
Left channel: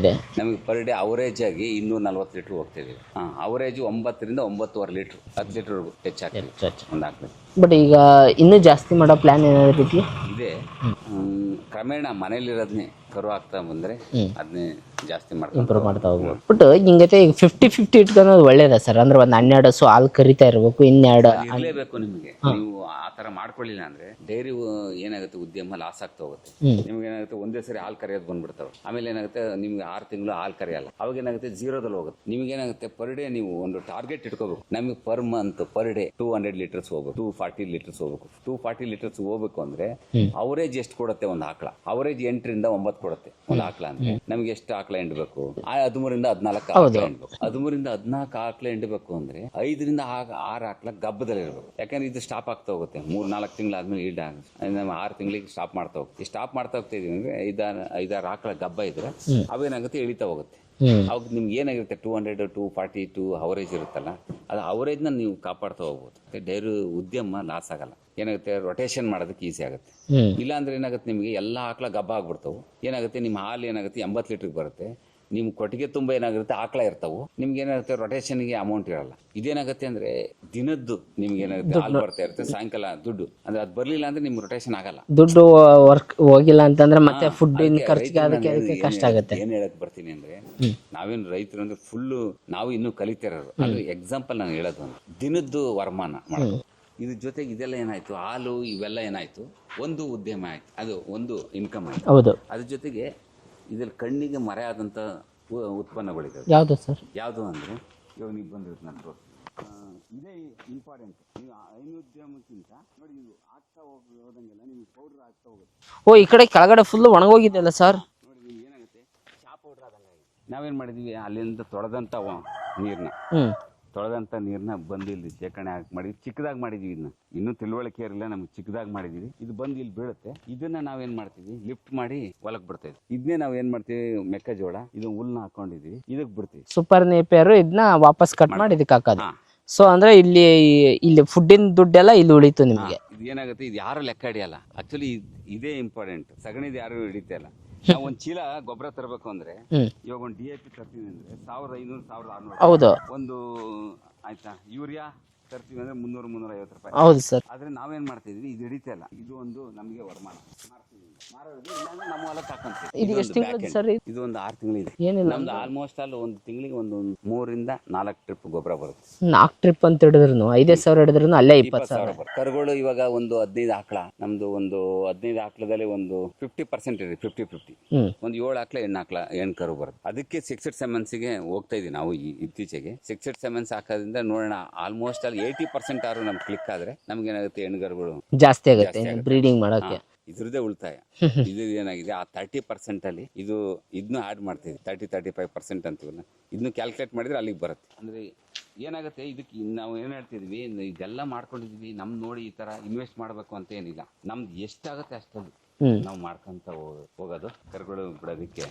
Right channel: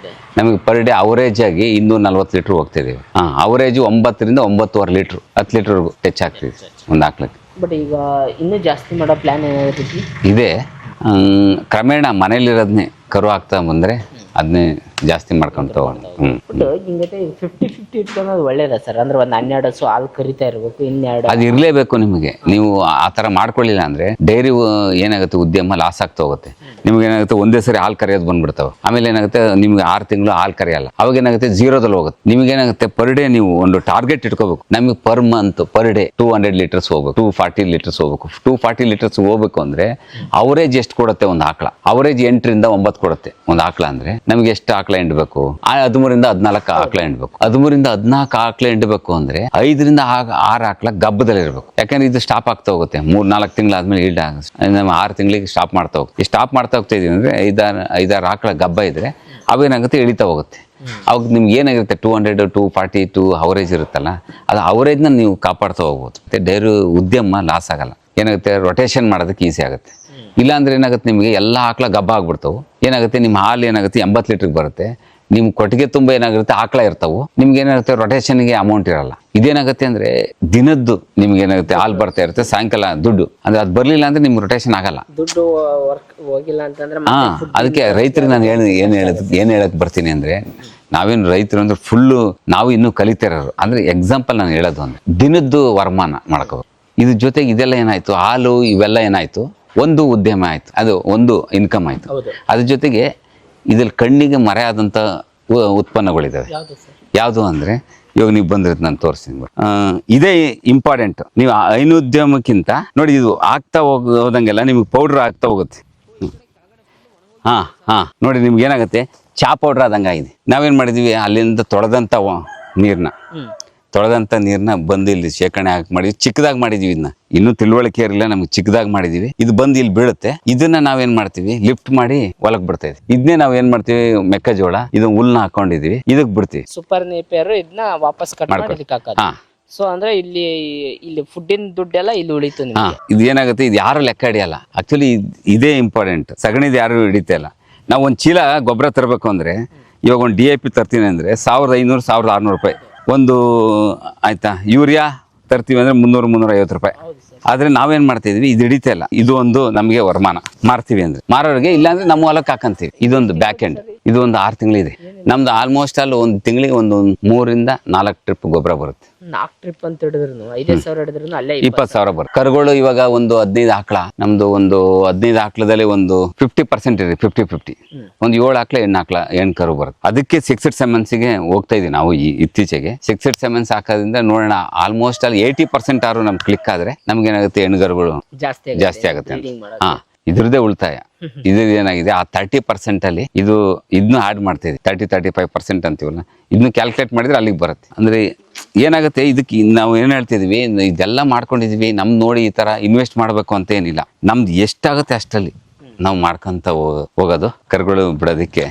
ಇದೆ. ನಮಗೆ ಪರ್ ಡೇ ಅವರೇಜ್ ಆಗಿ ಇನ್ನೂರ ನಲ್ವತ್ತು ಲೀಟ್ರ್ ಹೋಗ್ತಿದ್ದೀವಿ ಹಾಂ ಅವರೇಜ್ ಒಂಬತ್ತರಿಂದ ಒಂಬತ್ತುವರೆ ಲೀಟ್ರ್ ಹತ್ತು ಲೀಟ್ರ್ವರೆಗೂ ಟಚ್ ಆಗ್ತಿದೆ ಒಂದು ಹಾಕ್ಲಿಕ್ಕೆ ಬಟ್ ಈಗ ಇನ್ನೂ ಜಾಸ್ತಿ ಮಾಡೋ ಪ್ಲಾನ್ ಏನಾಗುತ್ತೆ ಇದೆ. ಕ್ರಮೇಣ ಮನೇಲಿರೋದನ್ನೇ ಕರು ಆಗ್ತಾ ಬಂದ್ರೆ ಅದನ್ನೇ ಜಾಸ್ತಿ ಮಾಡ್ಕೊಂತ ಬಟ್ ಹಿಂಗೈತೆ ಈಗ ಫಿಫ್ಟಿ ಫಿಫ್ಟಿ ಇಟ್ಕೊಂಡು ಒಳ್ಳೇದ ಸರ್ ಅಂದ್ರೆ ಒಂದ್ ಹನ್ನೆರಡು ಹಸು ಹಾಲು ಕರಿತಾ ಇರ್ಬೇಕು ಇನ್ನೆರಡು ಅದು ಇರ್ಲೇಬೇಕು ನಿಮಗೆ. ನೀವು ಆ ತರ ಮಾಡ್ಕೊಳ್ಳಿಲ್ಲ ಅಂದ್ರೆ ಡೈರಿ ಏನಾಗುತ್ತೆ ಉದ್ಯಮ ಲಾಸ್ ಆಗ್ತಾ ಹೋಗುತ್ತೆ. ನಿಮ್ಗೆ ಏನಾಗುತ್ತೆ ಒಂದೇ ಸರಿ ಹಾಲು ಕರೆಯೋದು ಬಂದ್ಬಿಡ್ತಾವ. ಆಮೇಲೆ ಏನಾಗುತ್ತೆ ನಿಮ್ಗೆ ಆರು ತಿಂಗಳು ಹಾಲು ಕರೆಯಲ್ಲ. ಅವಾಗ ಏನಾಗುತ್ತೆ ಜೀರೋದಲ್ಲಿ ಹೋಗುತ್ತೆ. ನಿಮ್ಗೆ ಏನಾಗುತ್ತೆ ಪರ್ ಡೇ ನೀವು ಒಂದು ಟಾರ್ಗೆಟ್ ಇಟ್ಕೋಬೇಕು. ನಮಗೆ per month per day two hundred litres ಹೋಗ್ಬೇಕು ಟೂ ಫಾರ್ಟಿ ಲೀಟರ್ಸ್ ಹೋಗ್ಬೇಕು. ಟೂ ಫಾರ್ಟಿ ಲೀಟರ್ಸ್ ಹೋಗ್ಬೇಕು ಅಂದ್ರೆ ಅವರೇಜ್ ಎಷ್ಟು ಕೊಡುತ್ತೆ ಒಂದು ಆಕಳ? ಅವರೇಜ್ ಎಂಟರಿಂದ ಒಂಬತ್ತು ಕೊಡುತ್ತೆ. ಒಂದು ಆಕಳ ಅಂದ್ರೆ ನಮ್ಗೆ ಎಷ್ಟು ಆಕಳ ಹಿಂಡ್ಬೇಕು ಹದಿಮೂರಿಂದ ಹದಿನಾಲ್ಕು ಆಕಳ ಹಿಂಡ್ಬೇಕು ಹದಿಮೂರಿಂದ ಹದಿನಾಲ್ಕು ಆಕಳ ಹಿಂಡ್ಬೇಕು ಅಂದ್ರೆ ಐದರಿಂದ ಆರು ಆಕಳ ಗಬ್ಬದಲ್ಲಿ ಇರಬೇಕು. ಯಾಕಂದ್ರೆ ಇದು ಸ್ಟಾಪ್ ಆಗ್ತಾ ಹೋಗುತ್ತೆ. ಮೂರ್ ನಾಲ್ಕು ತಿಂಗಳಾದ್ಮೇಲೆ ಈಲ್ಡ್ ನಮ್ಮ ಆರು ತಿಂಗಳಿಗೆ ಸ್ಟಾಪ್ ಮಾಡ್ತಾ ಹೋಗ್ತೀವಿ ಸ್ಟಾಪ್ ಮಾಡ್ತಾ ಹೋಗ್ತಾ ಇದೀವಿ ಅಂದ್ರೆ ಐದಾರು ಐದಾರು ಆಕಳ ಗಬ್ಬ ಇದ್ರೆ ಅವೇನಾಗುತ್ತೆ? ಇಳಿತಾ ಹೋಗುತ್ತೆ. ಅವಾಗ ನಿಮ್ಗೆ ಏನಾಗಿರುತ್ತೆ two hundred two forty two average ಇರುತ್ತಲ್ಲ ಅದು ಅವರೇಜ್ನ ನೀವು ಕಾಪಾಡ್ತಾ ಹೋಗ್ಬೋದು. ಮತ್ತೆ ಡೈರಿ ಉದ್ಯಮ ಲಾಸ್ ಆಗಲ್ಲ. ಏನಾಗುತ್ತೆ? ರೊಟೇಷನ್ ಮಾಡೋದಕ್ಕೆ ಈಸಿ ಆಗುತ್ತೆ. ಇಲ್ಲಾಂದ್ರೆ ಏನಾಗುತ್ತೆ ನಿಮಗೆ ಎಲ್ಲ ಹಾಕ್ಲ ಗಬ್ಬ ಆಗ್ಬಿಡ್ತಾವು ಏನಾಗುತ್ತೆ? ನಿಮ್ಮ ಹಾಲು ಏನಾಗುತ್ತೆ? ಎಂಬತ್ತು ಲೀಟ್ರಿಗೆ ಬರುತ್ತೆ. ನಿಮ್ ಕೊಟ್ಟಿಗೆ ತುಂಬ ಏನಾಗಿರುತ್ತೆ ಆಕಳ ಇರ್ತಾವು. ನಿಮ್ಗೆ ಏನಾಗುತ್ತೆ? ರೊಟೇಷನ್ಗೆ ಅಮೌಂಟ್ ಇರಲ್ಲ. ಇದೇನಾಗುತ್ತೆ ಅಂದ್ರೆ ದಿನದ್ದು ನಿಮ್ಗೆ ಏನಾಗುತ್ತೆ? ಹಾಲು ಬರ್ತಾ ಇರುತ್ತೆ ಸಾಯಂಕಾಲ ದುಡ್ಡು. ಅಂದ್ರೆ ಅದು ಬರ್ಲಿಲ್ಲ ಅಂದ್ರೆ ನಿಮ್ಗೆ ರೊಟೇಷನ್ ಆಗಲ್ಲ. ದುಡ್ಡು ವರ್ಕ್ ಹೋಗಿಲ್ಲ ಅಂತಂದ್ರೆ ಅದಕ್ಕೆ ರೈತರು ನಾನು ಏನು ಏನು ಹೇಳಕ್ ಏನು ಹೇಳಕ್ ಬರ್ತೀನಿ ಅಂದ್ರೆ ನಾವೇನು ರೈತರು ಅಂದ್ರೆ ಫುಲ್ಲು ನಾವು ಇನ್ನೂ ಕಲಿತಿರೋರು. ಅಂದ್ರೆ ಎಕ್ಸಾಂಪಲ್ ನಾನು ಹೇಳೋದು ಅಂದ್ರೆ ದಿನದ್ದು ವರಮಾನ ಮಾಡ್ಕೋ. ಇದ್ರ ಜೊತೆಗೆ ಇದೆಲ್ಲ ಏನಾಯ್ತು? ಹಾಲು ಇವೆಲ್ಲ ಏನಾಯ್ತು? ಒಂದು ಉದ್ಯಮ ಆಯ್ತು. ಅದು ಒಂದು ಇನ್ಕಮ್ ಆಯ್ತು. ಅದ್ರ ಜೊತೆಗೆ ಇದ್ರಲ್ಲಿ ಕಣ್ಣಿಗೆ ಮರೆಯಾದಂಥ ಉತ್ಪನ್ನಗಳಿದ್ದಾವೆ ಯಾವುದು ಸರ್? ಯಾವುದು ಅಂದ್ರೆ ಇವಾಗ ನೀವು ಬಂದಿರೋದು ನಾನು ತೋರಿಸ್ತೀನಿ. ಇದೇ ಇಂಪಾರ್ಟೆಂಟ್ ನೀವು ಐನೋದ್ಯಮಕ್ಕಿಂತ ನೋಡಿ ಇದು ಆಗ್ತಾ ಹೋಗ ಹೋದಂಗೆಲ್ಲ ನಿಮ್ಗೆ ಪೌಡರ್ ಆಗ್ತಾ ಹೋಗುತ್ತೆ. ಓ ಈ ಕಡೆ ಕೆಳಗಡೆ ಫುಲ್ ಒಣಗೋಗಿಲ್ಲ ಸರ್. ನೋಡಿ ನಿಮ್ಗೆ ಏನಾಗುತ್ತೆ? ಚಾ ಪೌಡರ್ ಆದಂಗಾಗಿದೆ. ನಾವೇನ್ ಮಾಡಿದೀವಿ? ಅಲ್ಲಿಂದ ತೊಳೆದಂತ ನೀರ್ನ. ಹ್ಮ್ ನೀರನ್ನ ನೀರ್ನ ಬಂದು ಇಲ್ಲಿ ಶೇಖರಣೆ ಹಾಕಿ ಮಾಡಿದ್ವಿ. ಚಿಕ್ಕದಾಗಿ ಮಾಡಿದೀವಿ ಇದನ್ನ ಇನ್ನೂ ತಿಳುವಳಿಕೆ ಇರಲಿಲ್ಲ ನಮ್ಗೆ ಚಿಕ್ಕದಾಗಿ ಮಾಡಿದೀವಿ. ಇದು ಬಂದು ಇಲ್ಲಿ ಬೀಳುತ್ತೆ. ಇದನ್ನ ನಾವೇನ್ ಮಾಡ್ತೀವಿ? ಲಿಫ್ಟ್ ಮಾಡಿ ಹೊಲಕ್ ಬಿಡ್ತಾ ಇದೀವಿ. ಇದನ್ನೇ ನಾವ್ ಏನ್ ಮಾಡ್ತೀವಿ? ಮೆಕ್ಕೆಜೋಳ ಇದು ಹುಲ್ನ ಹಾಕೊಂಡಿದೀವಿ. ಇದಕ್ ಬಿಡ್ತೀವಿ. ಸೂಪರ್ ನೇಪಿಯರು ಇದನ್ನ ವಾಪಸ್ ಕಟ್ ಮಾಡಿ ಇದಕ್ಕೆ ಹಾಕೋದು. ಹಾ. ಸೊ ಅಂದ್ರೆ ಇಲ್ಲಿ ಇಲ್ಲಿ ಫುಡ್ಡಿನ ದುಡ್ಡೆಲ್ಲ ಇಲ್ಲಿ ಉಳಿತು ನಿಮಗೆ. ಇದು ಏನಾಗುತ್ತೆ? ಇದು ಯಾರು ಲೆಕ್ಕ ಹಿಡಿಯಲ್ಲ. ಆಕ್ಚುಲಿ ಇದೇ ಇಂಪಾರ್ಟೆಂಟ್ ಸಗಣಿದು ಯಾರು ಹಿಡಿತಾ ಇಲ್ಲ. ನಾವು ಒಂದ್ ಚೀಲ ಗೊಬ್ಬರ ತರಬೇಕು ಅಂದ್ರೆ ಇವಾಗ ಒಂದ್ ಡಿ ಎ ಪಿ ತರ್ತೀನಿ ಅಂದ್ರೆ ಸಾವಿರದ ಐನೂರು ಸಾವಿರದ ಆರ್ನೂರು ರೂಪಾಯಿ. ಒಂದು ಆಯ್ತಾ ಯೂರಿಯಾ ತರ್ತೀವಿ ಅಂದ್ರೆ ಮುನ್ನೂರು ಮುನ್ನೂರ ಐವತ್ತು ರೂಪಾಯಿ. ಆದ್ರೆ ನಾವೇನ್ ಮಾಡ್ತಾ ಇದೀವಿ ಇದು ಹಿಡಿತಾ ಇಲ್ಲ. ಇದು ಒಂದು ನಮಗೆ ವರಮಾನ. ಮಾರ್ತೀವಿ ಅಂದ್ರೆ. ಮಾರೋರಿಗೆ ಇಲ್ಲಾಂದ್ರೆ ನಮ್ಮ ಹೊಲಕ್ಕೆ ಹಾಕಂತೀವಿ. ಇದೊಂದು ಬ್ಯಾಕ್ ಎಂಡ್ ಇದು? ಒಂದು ಆರು ತಿಂಗಳಿದೆ. ನಮ್ದು ಆಲ್ಮೋಸ್ಟ್ ಅಲ್ಲಿ ಒಂದು ತಿಂಗಳಿಗೆ ಒಂದು ಮೂರಿಂದ ನಾಲ್ಕು ಟ್ರಿಪ್ ಗೊಬ್ಬರ ಬರುತ್ತೆ. ನಾಲ್ಕು ಟ್ರಿಪ್ ಅಂತ ಹಿಡಿದ್ರು ಐದೈದು ಸಾವಿರ ಹಿಡಿದ್ರು ಅಲ್ಲೇ ಇಪ್ಪತ್ತು ಸಾವಿರ ಬರ್ ಕರುಗಳು ಇವಾಗ ಒಂದು ಹದಿನೈದು ಆಕಳ ನಮ್ದು ಒಂದು ಹದಿನೈದು ಆಕಳದಲ್ಲಿ ಒಂದು ಫಿಫ್ಟಿ ಪರ್ಸೆಂಟ್ ಇದೆ ಫಿಫ್ಟಿ ಫಿಫ್ಟಿ. ಒಂದು ಏಳು ಆಕಳ ಹೆಣ್ಣು ಆಕಳ ಹೆಣ್ಣು ಕರು ಬರುತ್ತೆ. ಅದಕ್ಕೆ ಸಿಕ್ಸ್ ಸೆಮೆನ್ಸ್ಗೆ ಹೋಗ್ತಾ ಇದೀವಿ ನಾವು ಈ ಇತ್ತೀಚೆಗೆ. ಸಿಕ್ಸ್ಡ್ ಸೆಮೆನ್ಸ್ ಹಾಕೋದ್ರಿಂದ ನೋಡೋಣ ಆಲ್ಮೋಸ್ಟ್ ಅಲ್ಲಿ ಏಯ್ಟಿ ಪರ್ಸೆಂಟ್ ಆರು ನಮ್ಗೆ ಕ್ಲಿಕ್ ಆದ್ರೆ ನಮ್ಗೆ ಏನಾಗುತ್ತೆ ಹೆಣ್ಣುಗರುಗಳು ಜಾಸ್ತಿ ಜಾಸ್ತಿ ಆಗುತ್ತೆ. ಇದ್ರದ್ದೇ ಉಳಿತಾಯ. ಇದು ಏನಾಗಿದೆ? ಆ ತರ್ಟಿ ಪರ್ಸೆಂಟ್ ಅಲ್ಲಿ ಇದು ಇದನ್ನು ಆಡ್ ಮಾಡ್ತಿದೆ ತರ್ಟಿ ತರ್ಟಿ ಫೈವ್ ಪರ್ಸೆಂಟ್ ಅಂತೀವಲ್ಲ. ಇದನ್ನ ಕ್ಯಾಲ್ಕುಲೇಟ್ ಮಾಡಿದ್ರೆ ಅಲ್ಲಿಗೆ ಬರುತ್ತೆ. ಅಂದ್ರೆ ಏನಾಗುತ್ತೆ? ಇದಕ್ಕೆ ನಾವು ಏನ್ ಹೇಳ್ತಿದ್ವಿ ಇದೆಲ್ಲ ಮಾಡ್ಕೊಂಡಿದ್ವಿ ನಮ್ ನೋಡಿ ಈ ತರ ಇನ್ವೆಸ್ಟ್ ಮಾಡ್ಬೇಕು ಅಂತ ಏನಿಲ್ಲ. ನಮ್ದು ಎಷ್ಟಾಗುತ್ತೆ ಅಷ್ಟರಲ್ಲಿ ಹ್ಮ್. ನಾವು ಮಾಡ್ಕೊಂತ ಹೋಗೋದು. ಕರುಗಳು ಬಿಡೋದಕ್ಕೆ.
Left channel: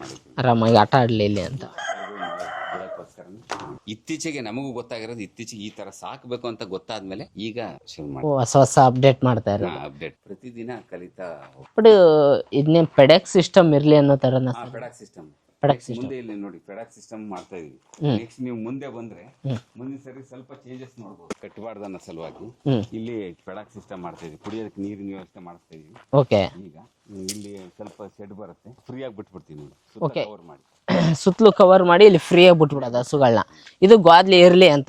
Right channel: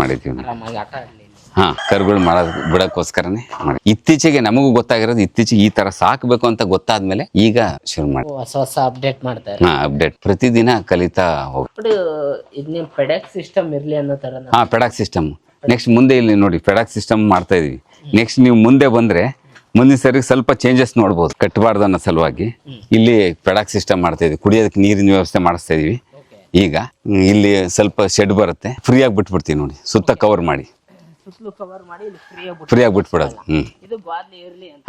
ನಾವು. ಆರಾಮಾಗಿ ಆಟ ಆಡ್ಲಿಲ್ಲ ಹಾ ಕರುಗಳು ಮಾಡೋದ್ ಬಿಡಕ್ಕೋಸ್ಕರನೇ ಮಾಡಿ. ಇತ್ತೀಚೆಗೆ ನಮಗೂ ಗೊತ್ತಾಗಿರೋದು ಇತ್ತೀಚೆಗೆ ಈ ತರ ಸಾಕ್ಬೇಕು ಅಂತ ಗೊತ್ತಾದ್ಮೇಲೆ ಈಗ ಶುರು ಮಾಡಿ. ಹೊಸ ಹೊಸ ಅಪ್ಡೇಟ್ ಮಾಡ್ತಾರೆ. ಹಾ ಅಪ್ಡೇಟ್ ಪ್ರತಿದಿನ ಕಲಿತಾ ಹೋಗಿ ಬಟ್ ಇದನ್ನೇ ಪೆಡಕ್ ಸಿಸ್ಟಮ್ ಇರ್ಲಿ ಅನ್ನೋ ತರ ಹಾ ಪೆಡಾಕ್ ಸಿಸ್ಟಮ್ ನೆಕ್ಸ್ಟ್ ಮುಂದೆ ಇಲ್ಲಿ ನೋಡಿ ಫೆಡಾಕ್ ಸಿಸ್ಟಮ್ ಮಾಡ್ತಾ ಇದೀವಿ. ನೆಕ್ಸ್ಟ್ ನೀವು ಮುಂದೆ ಬಂದ್ರೆ ಮುಂದಿನ ಸರಿ ಸ್ವಲ್ಪ ಚೇಂಜಸ್ ನೋಡಬಹುದು ಕಟ್ಟಬಾರ್ದು ಅನ್ನೋ ಸಲುವಾಗಿ ಇಲ್ಲಿ ಫೆಡಾಕ್ ಸಿಸ್ಟಮ್ ಮಾಡ್ತಾ ಇದೀವಿ. ಕುಡಿಯೋದಕ್ಕೆ ನೀರಿನ ವ್ಯವಸ್ಥೆ ಮಾಡಿಸ್ತಾ ಇದೀವಿ. ಈಗ ಇಲ್ಲಿ ಸ್ವಲ್ಪ ಶೆಡ್ ಬರುತ್ತೆ. ಫ್ರೀ ಆಗಿ ಬಿಟ್ಬಿಡ್ತೀವಿ ನೋಡಿ. ಸುತ್ತ ಕವರ್ ಮಾಡಿ. ಸುತ್ತಲೂ ಕವರ್ ಮಾಡಿ ಇಲ್ಲಿ ಫ್ರೀ ಆಗಿ ಫ್ರೀ ಆಗಿ ಬಿಟ್ಬಿಡಲ್ಲ ಇದು ಗ್ವಾದ್ಲಿ ಇರ್ಲಿ ಅಂತ.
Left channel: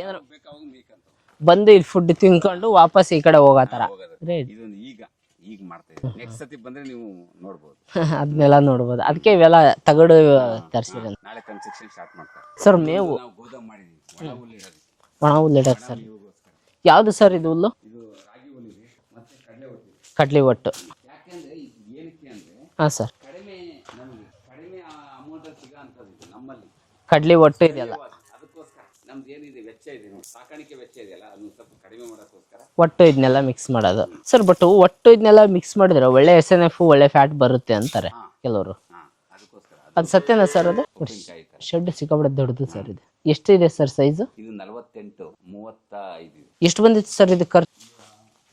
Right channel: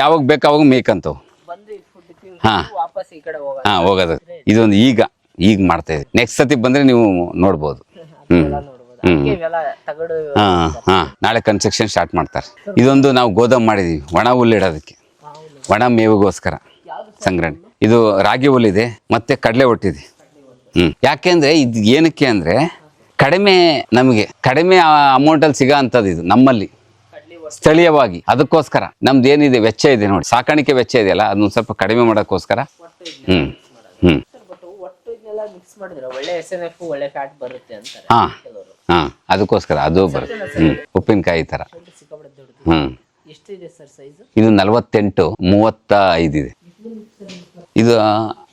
ಯಾವಾಗ ಬೇಕು ಅವಾಗ ಮೇಕಂತವ್ ಬಂದು ಇಲ್ಲಿ ಫುಡ್ ತಿನ್ಕೊಂಡು ವಾಪಸ್ ಈ ಕಡೆ ಹೋಗೋದು. ಹೋಗೋದು. ಇದೊಂದು ಈಗ ಈಗ ಮಾಡ್ತಾ ಇದ್ದೀನಿ. ನೆಕ್ಸ್ಟ್ ಸತಿ ಬಂದ್ರೆ ನೀವು ನೋಡ್ಬೋದು. ಅದನ್ನೆಲ್ಲ ನೋಡ್ಬೋದು. ಅದಕ್ಕೆ ಇವೆಲ್ಲ ತಗಡು ಹಾ ಹಾ. ನಾಳೆ ಕನ್ಸ್ಟ್ರಕ್ಷನ್ ಸ್ಟಾರ್ಟ್ ಮಾಡ್ತಾರೆ. Sir, ಇದೊಂದು ನಾವು ಗೋದಾಮ್ ಮಾಡಿದೀವಿ. ಒಣ ಹುಲ್ಲು ಇಡೋದಕ್ಕೆ. ಒಣ ಹುಲ್ಲು ಒಣ ಮೇವಿಗೋಸ್ಕರ. ಯಾವ್ದು ಸರ್ ಈ ಹುಲ್ಲು? ಇದು ರಾಗಿ ಹುಲ್ಲಿದೆ ಮತ್ತೆ ಕಡಲೆ ಒಟ್ಟಿದೆ ಕಡ್ಲಿ ಒಟ್ಟು. ಹ್ಮ್. ಯಾಕೆಂದ್ರೆ ಇದು ಏನಕ್ಕೆ ಅಂದ್ರೆ ಹಾ ಸರ್ ಕಡಿಮೆ ನಮಗೆ ಕಡಿಮೆ ಅಮೌಂಟ್ ಅಲ್ಲಿ ಸಿಗೋ ಅಂತದ್ದು ಇದು ನಮ್ಮಲ್ಲಿ. ಕಡ್ಲಿ ಒಟ್ಟು ಸ್ಥಳೀಯವಾಗಿ ಅದಕ್ಕೋಸ್ಕರ. ನಮ್ದು ಏನಿದೆ ವೆಚ್ಚ ಇದೆ ನೋಡಿ. ಸಾಕಾಣಿಕೆ ವೆಚ್ಚ ಇದೆಯಲ್ಲ ಅದನ್ನ ಸ್ವಲ್ಪ ಕಡಿಮೆ ಮಾಡೋಕ್ಕೋಸ್ಕರ. ಒಟ್ಟು ಇದನ್ನೆಲ್ಲ ಮಿಕ್ಸ್ ಮಾಡೋದು. ಸರ್ ಬಟ್ ಒಟ್ಟು ಇದನ್ನೆಲ್ಲ ಮಿಕ್ಸ್ ಮಾಡಿದ್ರೆ ಒಳ್ಳೆ ಎಸ್ ಎನ್ ಎಫ್ ಒಳ್ಳೆ ಫ್ಯಾಟ್ ಬರುತ್ತೆ ಅಂತಾರೆ ಹಾ. ಕೆಲವರು. ಹಾ ಅದಕ್ಕೋಸ್ಕರ ಅದು ಸತ್ಯನಾ ಸರ್ ಇದು? ಉಪ್ಪಿನಕಾಯಿ ತರ. ಶೆಡ್ ಸಿಕ್ಕಾಬಿಡ ದೊಡ್ಡದು ಎಷ್ಟು ಇದು. ಎಷ್ಟಿದೆ ಸರ್ ಸೈಜ್ ಇದು ನಲವತ್ತೆಂಟು ಮೂವತ್ತ ಇದೆ. ಎಷ್ಟು ಬಂದಿತ್ತು ಸರ್ ಇದು ಖರ್ಚು? ಇದು